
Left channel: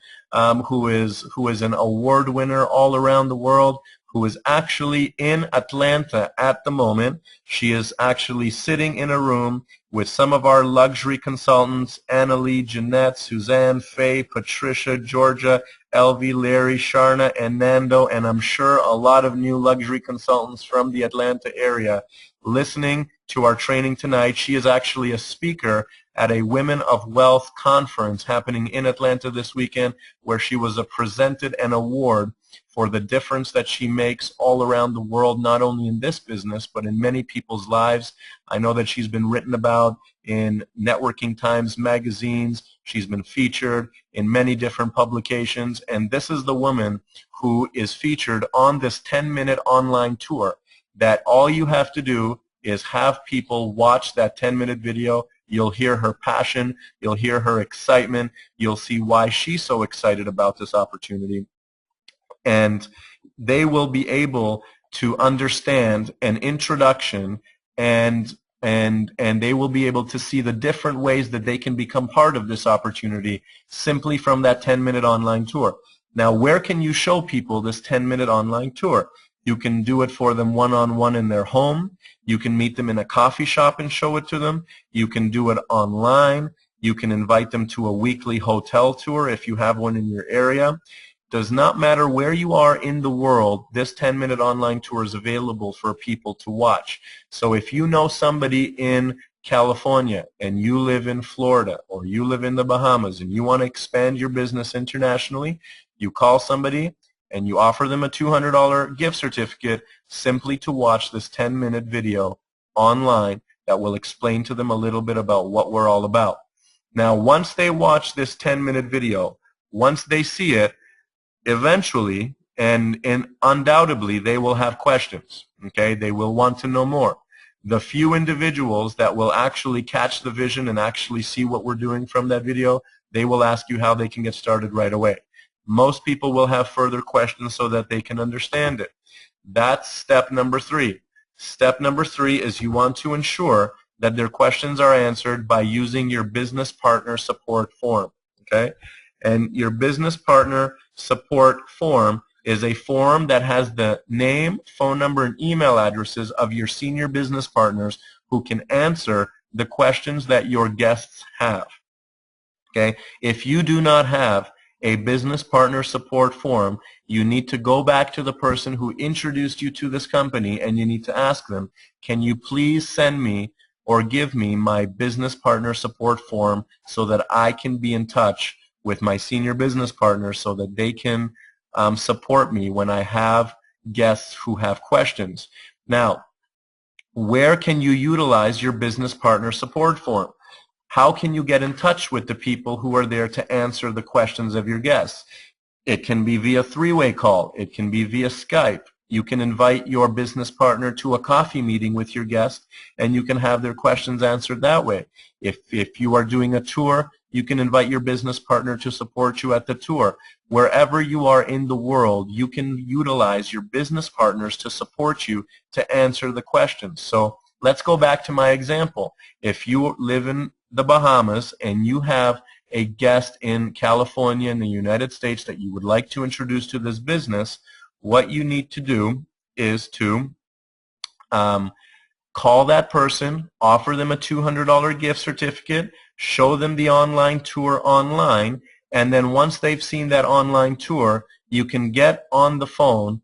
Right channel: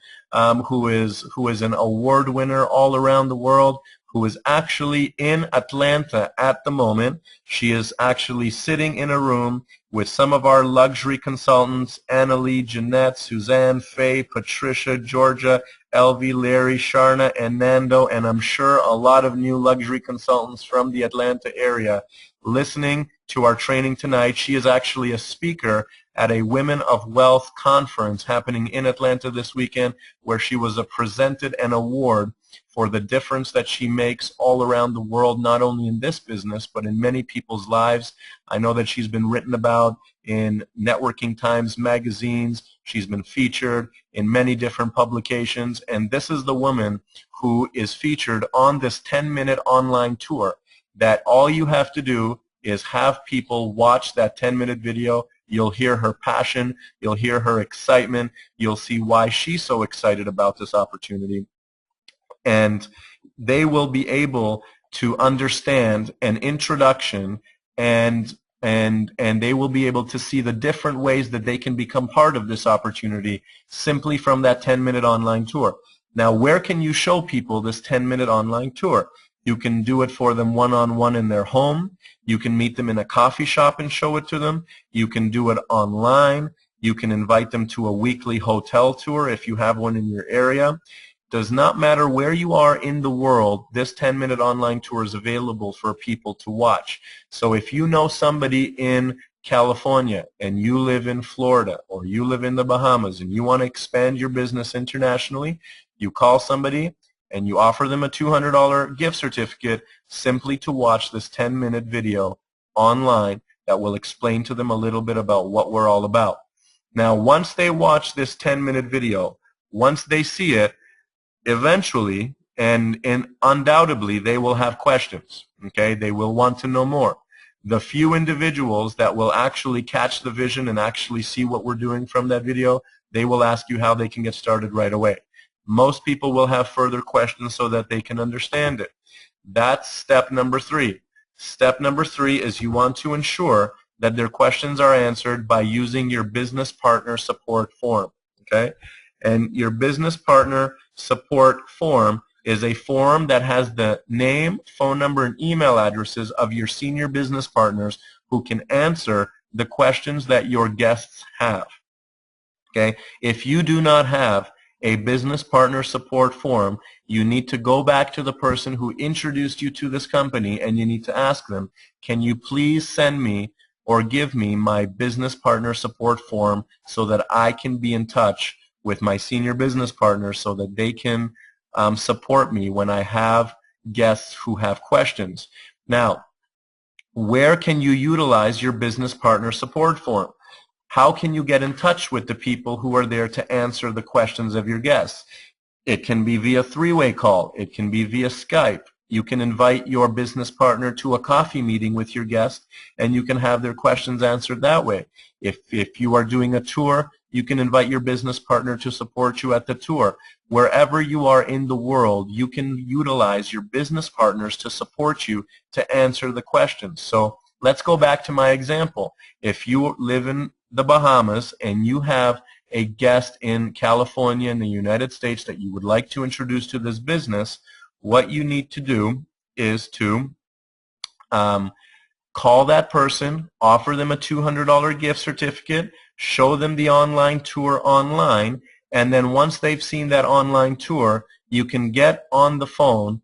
who is an award winner all around the world, who is actually in Atlanta at the moment. She is actually sitting in a room with some of our luxury consultants, Annalie, Jeanette, Suzanne, Faye, Patricia, Georgia, Elvie, Larry, Sharna, and Nando, and I'm sure a lot of new luxury consultants from the Atlanta area listening to our training tonight. She is actually a speaker at a Women of Wealth conference happening in Atlanta this weekend, where she was presented an award for the difference that she makes all around the world, not only in this business, but in many people's lives. I know that she's been written about in Networking Times magazines. She's been featured in many different publications, and this is the woman who is featured on this 10-minute online tour, that all you have to do is have people watch that 10-minute video. You'll hear her passion. You'll hear her excitement. You'll see why she's so excited about this opportunity. And they will be able to understand an introduction, and they will be able to see the different ways that they can become part of this opportunity simply from that 10-minute online tour. Now, where can you show people this 10-minute online tour? You can do it for them one-on-one in their home. You can meet them in a coffee shop and show it to them. You can do it online. You can invite them to a weekly hotel tour if you have one in your area. Does not matter where you are in the world, this 10-minute online tour is available for people to watch. So if you know somebody in California and you live in Florida or you live in the Bahamas and you want to expand your business internationally, you call somebody and you offer them a $200 gift certificate simply to watch this 10-minute video online that will explain to them a little bit about what we're all about. Now, once they watch this 10-minute video, once they see it, eventually and undoubtedly they will have questions. Okay? They will want to know more. The few individuals that will actually catch the vision and actually see what we're doing from that video, they will ask you how they can get started right away. Most people will have further questions so that they can understand it. That's step number 3. Step number 3 is you want to ensure that their questions are answered by using your business partner support form. Okay? And your business partner support form is a form that has the name, phone number, and email addresses of your senior business partners who can answer the questions that your guests have. Okay? If you do not have a business partner support form, you need to go back to the person who introduced you to this company and you need to ask them, can you please send me or give me my business partner support form so that I can be in touch with my senior business partners so that they can support me when I have guests who have questions. Now, Where can you utilize your business partner support form? How can you get in touch with the people who are there to answer the questions of your guests? It can be via three-way call. It can be via Skype. You can invite your business partner to a coffee meeting with your guest, and you can have their questions answered that way. If you are doing a tour, you can invite your business partner to support you at the tour. Wherever you are in the world, you can utilize your business partners to support you to answer the questions. So let's go back to my example. If you live in the Bahamas and you have a guest in California in the United States that you would like to introduce to this business, what you need to do is to call that person, offer them a $200 gift certificate, show them the online tour online, and then once they've seen that online tour, you can get on the phone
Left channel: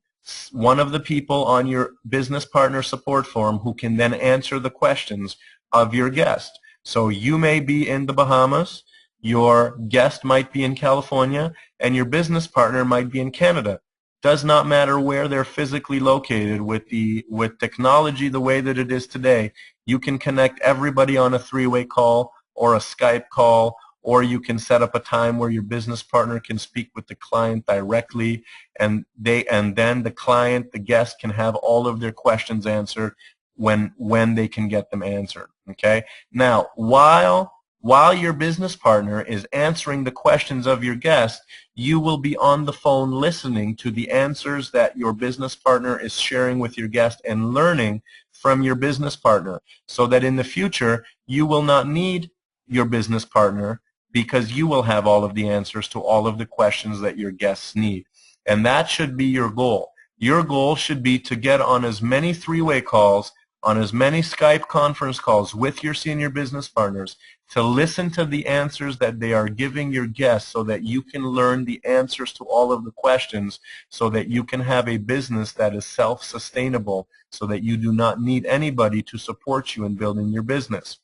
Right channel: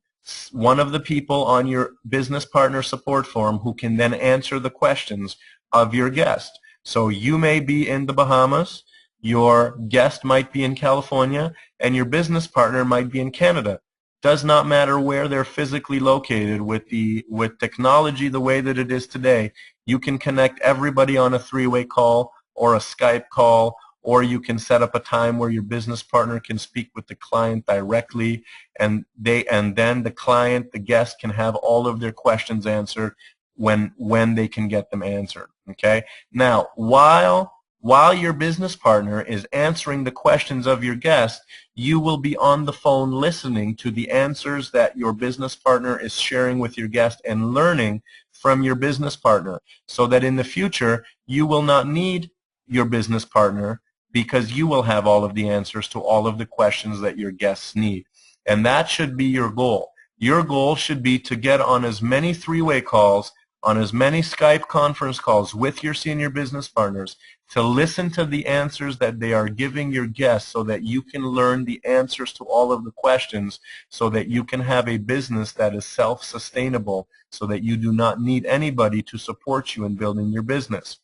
one of the people on your business partner support forum who can then answer the questions of your guest. So you may be in the Bahamas, your guest might be in California, and your business partner might be in Canada. Does not matter where they're physically located. With technology the way that it is today, you can connect everybody on a three-way call or a Skype call, or you can set up a time where your business partner can speak with the client directly, and then the client, the guest, can have all of their questions answered when they can get them answered. Okay? Now, while your business partner is answering the questions of your guest, you will be on the phone listening to the answers that your business partner is sharing with your guest and learning from your business partner, so that in the future you will not need your business partner because you will have all of the answers to all of the questions that your guests need. And that should be your goal. Your goal should be to get on as many three-way calls, on as many Skype conference calls with your senior business partners, to listen to the answers that they are giving your guests so that you can learn the answers to all of the questions, so that you can have a business that is self-sustainable, so that you do not need anybody to support you in building your business.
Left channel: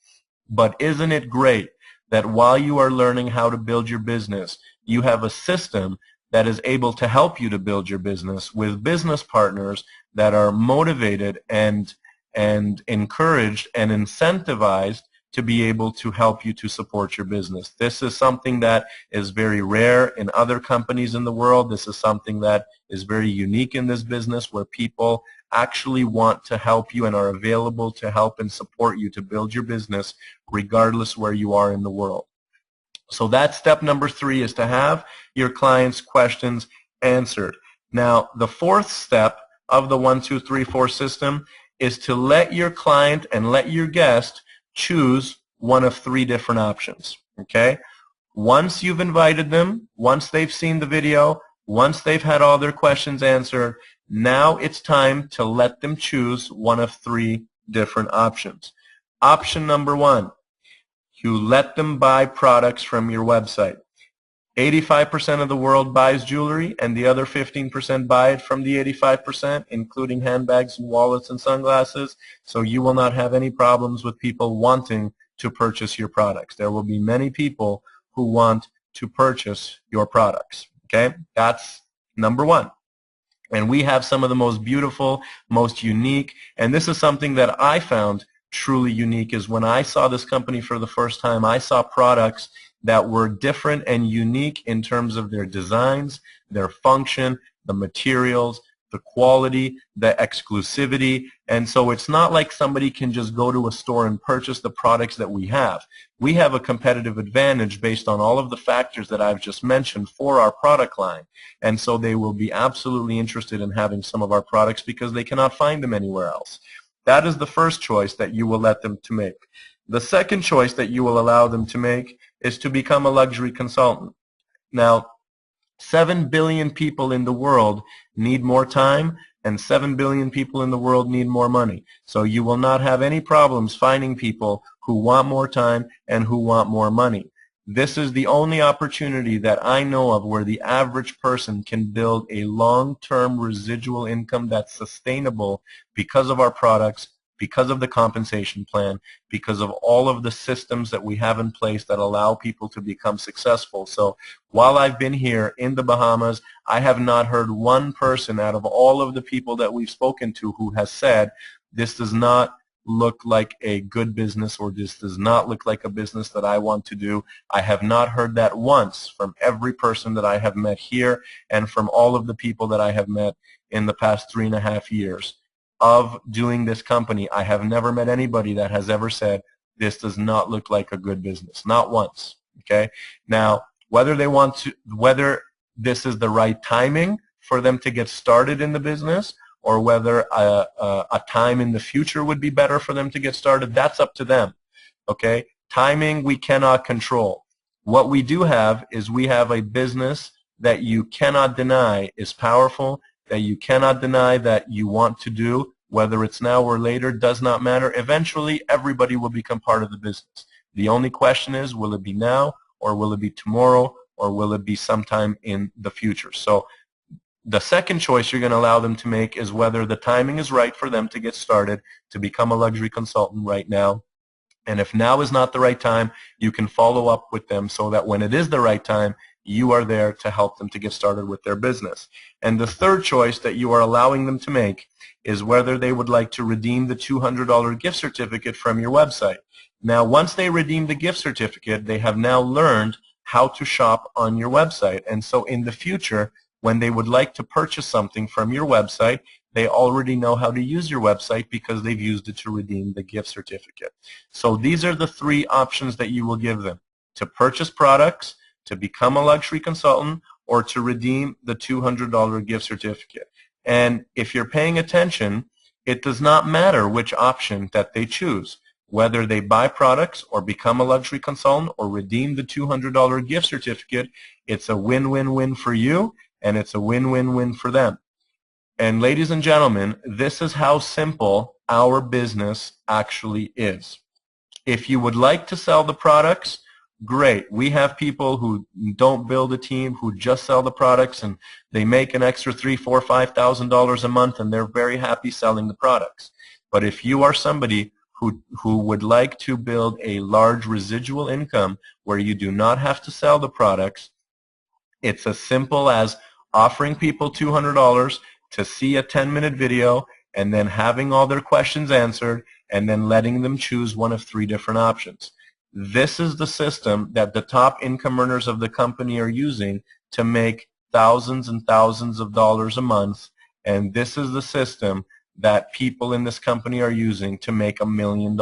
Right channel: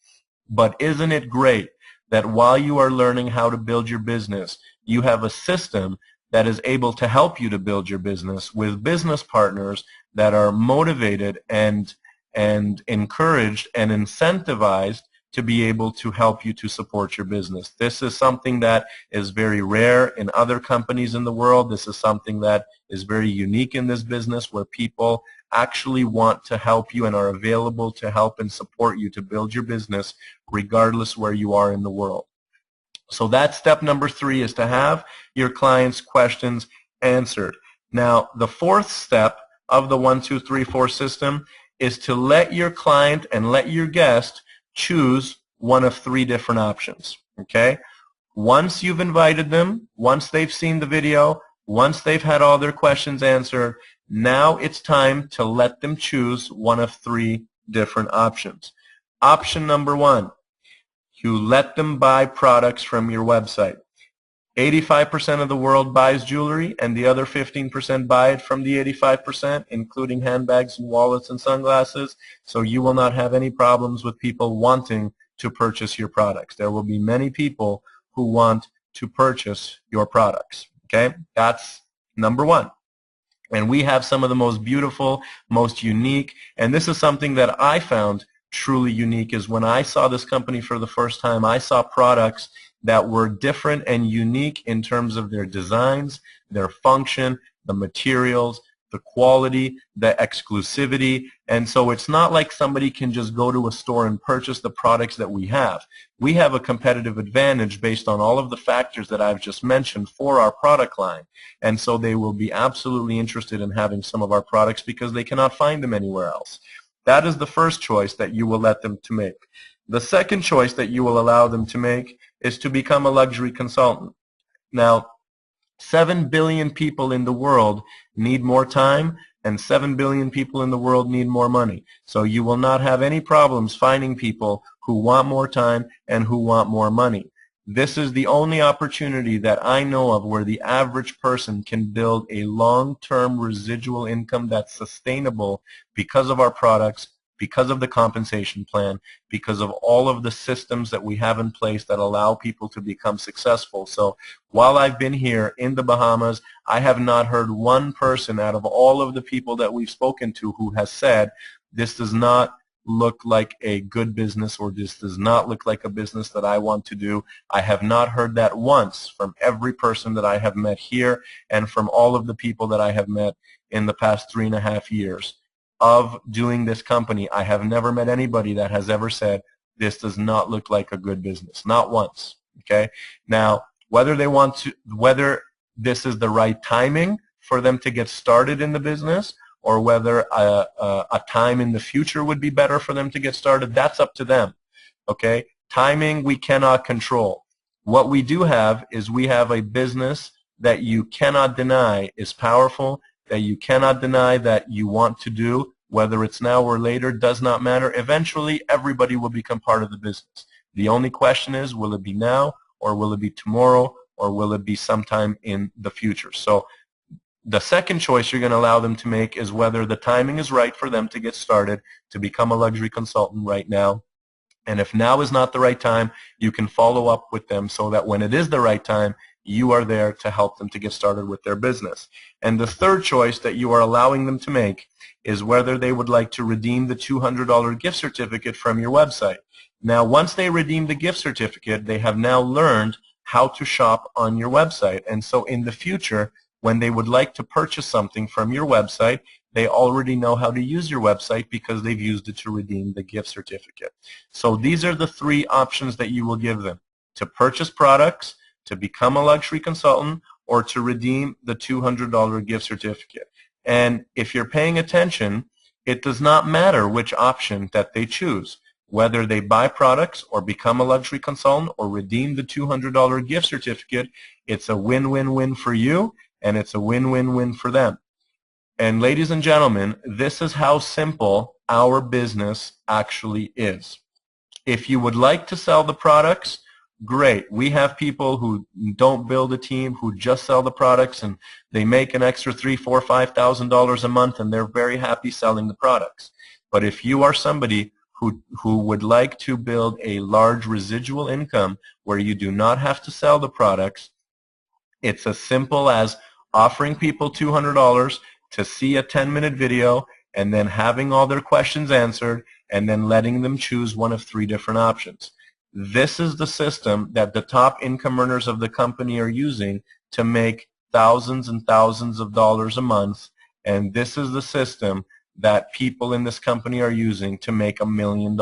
But isn't it great that while you are learning how to build your business, you have a system that is able to help you to build your business with business partners that are motivated and encouraged and incentivized to be able to help you to support your business. This is something that is very rare in other companies in the world. This is something that is very unique in this business, where people actually want to help you and are available to help and support you to build your business regardless where you are in the world. So that's step number 3, is to have your clients' questions answered. Now, the fourth step of the 1, 2, 3, 4 system is to let your client and let your guest choose one of 3 different options. Okay? Once you've invited them, once they've seen the video, once they've had all their questions answered, now it's time to let them choose one of 3 different options. Option number 1, you let them buy products from your website. 85% of the world buys jewelry, and the other 15% buy it from the 85%, including handbags and wallets and sunglasses. So you will not have any problems with people wanting to purchase your products. There will be many people who want to purchase your products. Okay? That's number 1. And we have some of the most beautiful, most unique, and this is something that I found truly unique, is when I saw this company for the first time, I saw products that were different and unique in terms of their designs, their function, the materials, the quality, the exclusivity. And so it's not like somebody can just go to a store and purchase the products that we have. We have a competitive advantage based on all of the factors that I've just mentioned for our product line. And so they will be absolutely interested in having some of our products because they cannot find them anywhere else. That is the first choice that you will let them to make. The second choice that you will allow them to make is to become a luxury consultant. Now, 7 billion people in the world need more time, and 7 billion people in the world need more money. So you will not have any problems finding people who want more time and who want more money. This is the only opportunity that I know of where the average person can build a long-term residual income that's sustainable because of our products, because of the compensation plan, because of all of the systems that we have in place that allow people to become successful. So while I've been here in the Bahamas, I have not heard one person out of all of the people that we've spoken to who has said, this does not look like a good business, or this does not look like a business that I want to do. I have not heard that once from every person that I have met here and from all of the people that I have met in the past 3.5 years of doing this company. I have never met anybody that has ever said, this does not look like a good business. Not once. Okay? Now, whether this is the right timing for them to get started in the business, or whether a time in the future would be better for them to get started, that's up to them. Okay? Timing we cannot control. What we do have is we have a business that you cannot deny is powerful, that you cannot deny that you want to do, whether it's now or later, does not matter. Eventually, everybody will become part of the business. The only question is, will it be now, or will it be tomorrow, or will it be sometime in the future? So the second choice you're going to allow them to make is whether the timing is right for them to get started, to become a luxury consultant right now. And if now is not the right time, you can follow up with them so that when it is the right time, you are there to help them to get started with their business. And the third choice that you are allowing them to make is whether they would like to redeem the $200 gift certificate from your website. Now, once they redeem the gift certificate, they have now learned how to shop on your website. And so in the future, when they would like to purchase something from your website, they already know how to use your website because they've used it to redeem the gift certificate. So these are the three options that you will give them: to purchase products, to become a luxury consultant, or to redeem the $200 gift certificate. And if you're paying attention, it does not matter which option that they choose. Whether they buy products or become a luxury consultant or redeem the $200 gift certificate, it's a win-win-win for you, and it's a win-win-win for them. And ladies and gentlemen, this is how simple our business actually is. If you would like to sell the products, great. We have people who don't build a team, who just sell the products, and they make an extra $3,000, $4,000, $5,000 a month, and they're very happy selling the products. But if you are somebody who would like to build a large residual income where you do not have to sell the products, it's as simple as offering people $200 to see a 10-minute video and then having all their questions answered and then letting them choose one of 3 different options. This is the system that the top income earners of the company are using to make thousands and thousands of dollars a month, and this is the system that people in this company are using to make $1 million.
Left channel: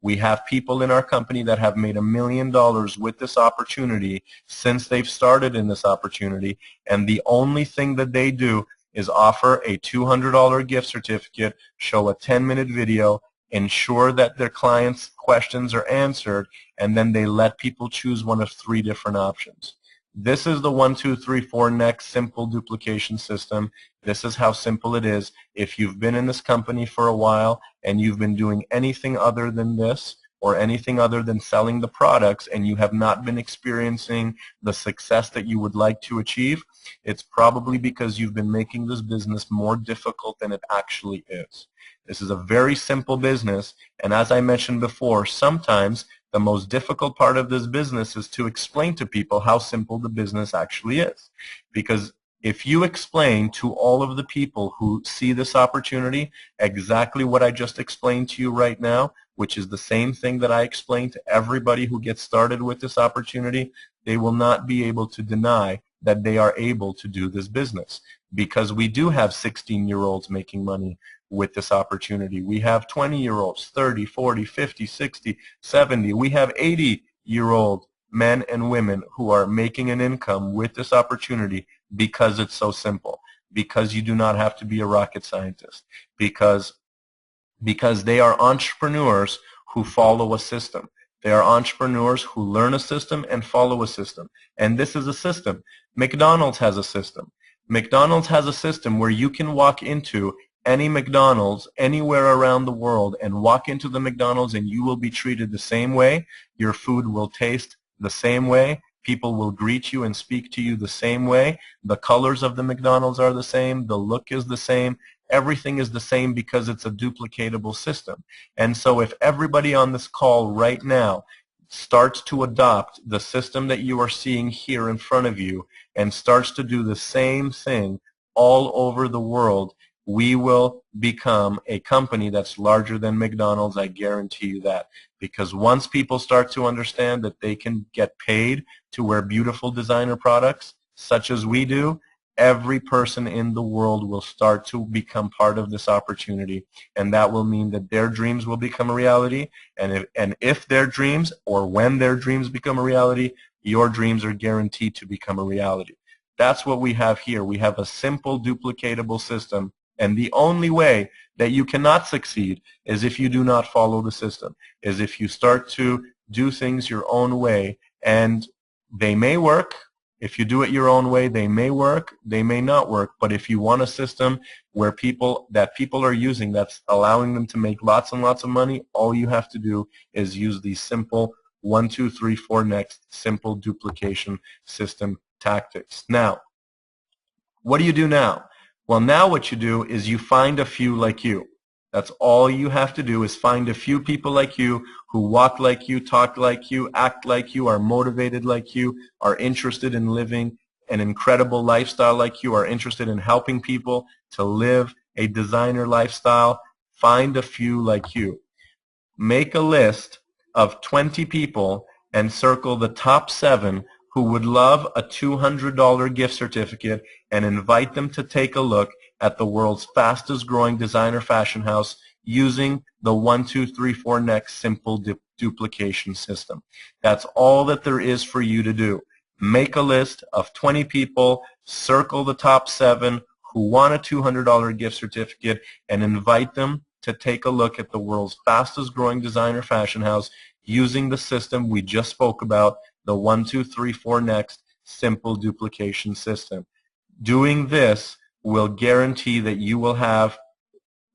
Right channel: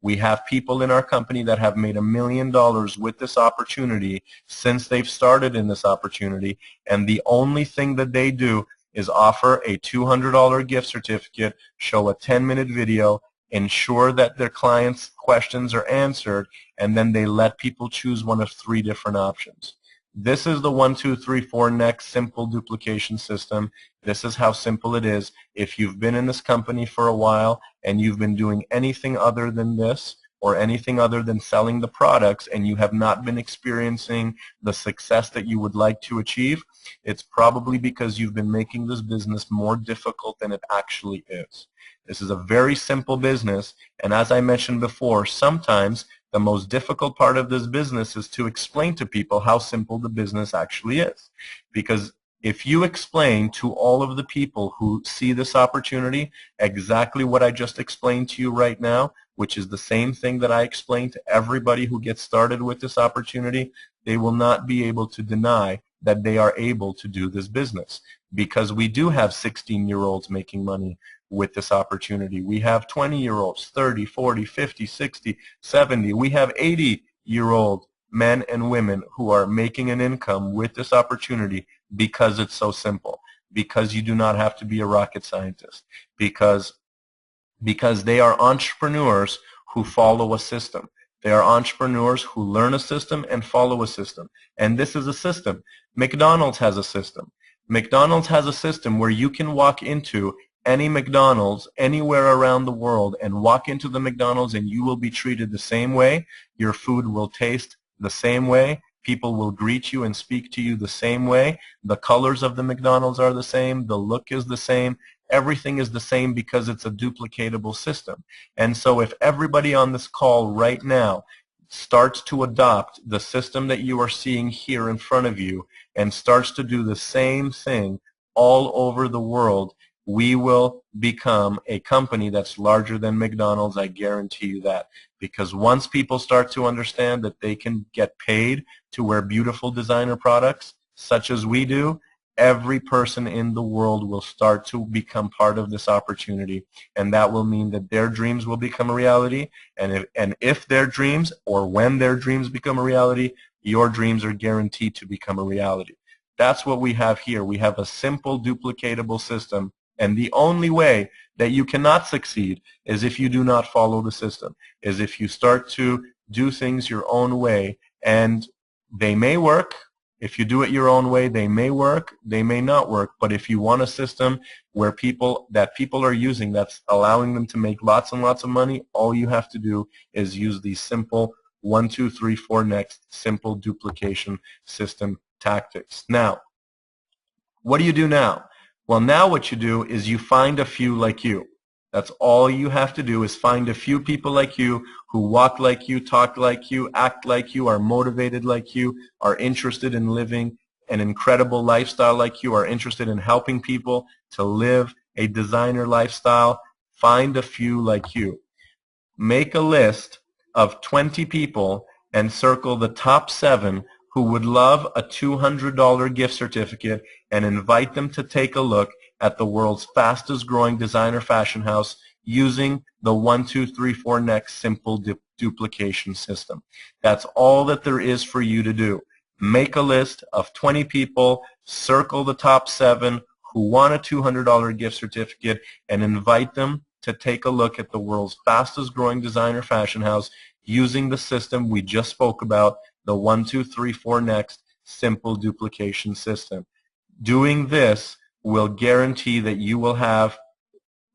We have people in our company that have made $1 million with this opportunity since they've started in this opportunity, and the only thing that they do is offer a $200 gift certificate, show a 10-minute video, ensure that their clients' questions are answered, and then they let people choose one of 3 different options. This is the 1, 2, 3, 4 next simple duplication system. This is how simple it is. If you've been in this company for a while and you've been doing anything other than this, or anything other than selling the products, and you have not been experiencing the success that you would like to achieve, it's probably because you've been making this business more difficult than it actually is. This is a very simple business, and as I mentioned before, sometimes the most difficult part of this business is to explain to people how simple the business actually is. Because if you explain to all of the people who see this opportunity exactly what I just explained to you right now, which is the same thing that I explained to everybody who gets started with this opportunity, they will not be able to deny that they are able to do this business. Because we do have 16-year-olds making money with this opportunity. We have 20-year-olds, 30, 40, 50, 60, 70. We have 80-year-old men and women who are making an income with this opportunity because it's so simple, because you do not have to be a rocket scientist, because they are entrepreneurs who follow a system. They are entrepreneurs who learn a system and follow a system. And this is a system. McDonald's has a system. McDonald's has a system where you can walk into any McDonald's anywhere around the world and walk into the McDonald's and you will be treated the same way. Your food will taste the same way. People will greet you and speak to you the same way. The colors of the McDonald's are the same. The look is the same. Everything is the same because it's a duplicatable system. And so if everybody on this call right now starts to adopt the system that you are seeing here in front of you and starts to do the same thing all over the world, we will become a company that's larger than McDonald's. I guarantee you that. Because once people start to understand that they can get paid to wear beautiful designer products, such as we do, every person in the world will start to become part of this opportunity, and that will mean that their dreams will become a reality, and if their dreams, or when their dreams become a reality, your dreams are guaranteed to become a reality. That's what we have here. We have a simple duplicatable system, and the only way that you cannot succeed is if you do not follow the system, is if you start to do things your own way, and they may work. If you do it your own way, they may work, they may not work, but if you want a system where people are using that's allowing them to make lots and lots of money, all you have to do is use these simple 1, 2, 3, 4 next simple duplication system tactics. Now, what do you do now? Well, now what you do is you find a few like you. That's all you have to do, is find a few people like you who walk like you, talk like you, act like you, are motivated like you, are interested in living an incredible lifestyle like you, are interested in helping people to live a designer lifestyle. Find a few like you. Make a list of 20 people and circle the top 7 who would love a $200 gift certificate, and invite them to take a look at the world's fastest growing designer fashion house using the 1, 2, 3, 4 next simple duplication system. That's all that there is for you to do. Make a list of 20 people, circle the top 7 who want a $200 gift certificate, and invite them to take a look at the world's fastest growing designer fashion house using the system we just spoke about, the 1, 2, 3, 4 next simple duplication system. Doing this will guarantee that you will have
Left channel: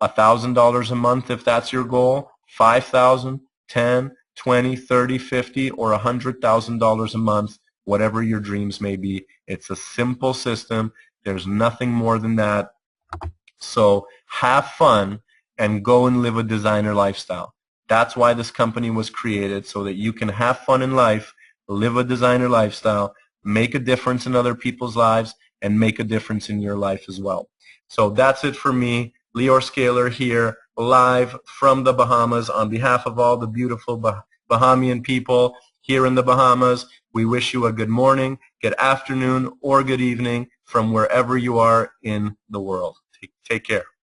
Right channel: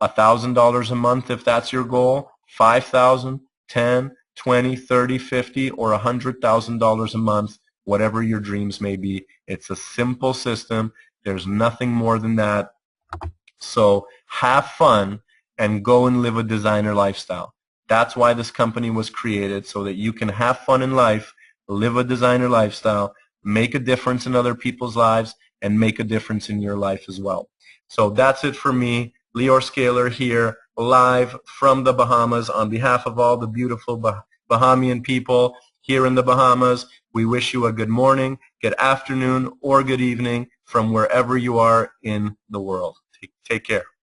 $1,000 a month if that's your goal, $5,000, $10,000, $20,000, $30,000, $50,000, or $100,000 a month, whatever your dreams may be. It's a simple system. There's nothing more than that. So have fun and go and live a designer lifestyle. That's why this company was created, so that you can have fun in life, live a designer lifestyle, make a difference in other people's lives, and make a difference in your life as well. So that's it for me. Lior Scaler here, live from the Bahamas. On behalf of all the beautiful Bahamian people here in the Bahamas, we wish you a good morning, good afternoon, or good evening from wherever you are in the world. Take care.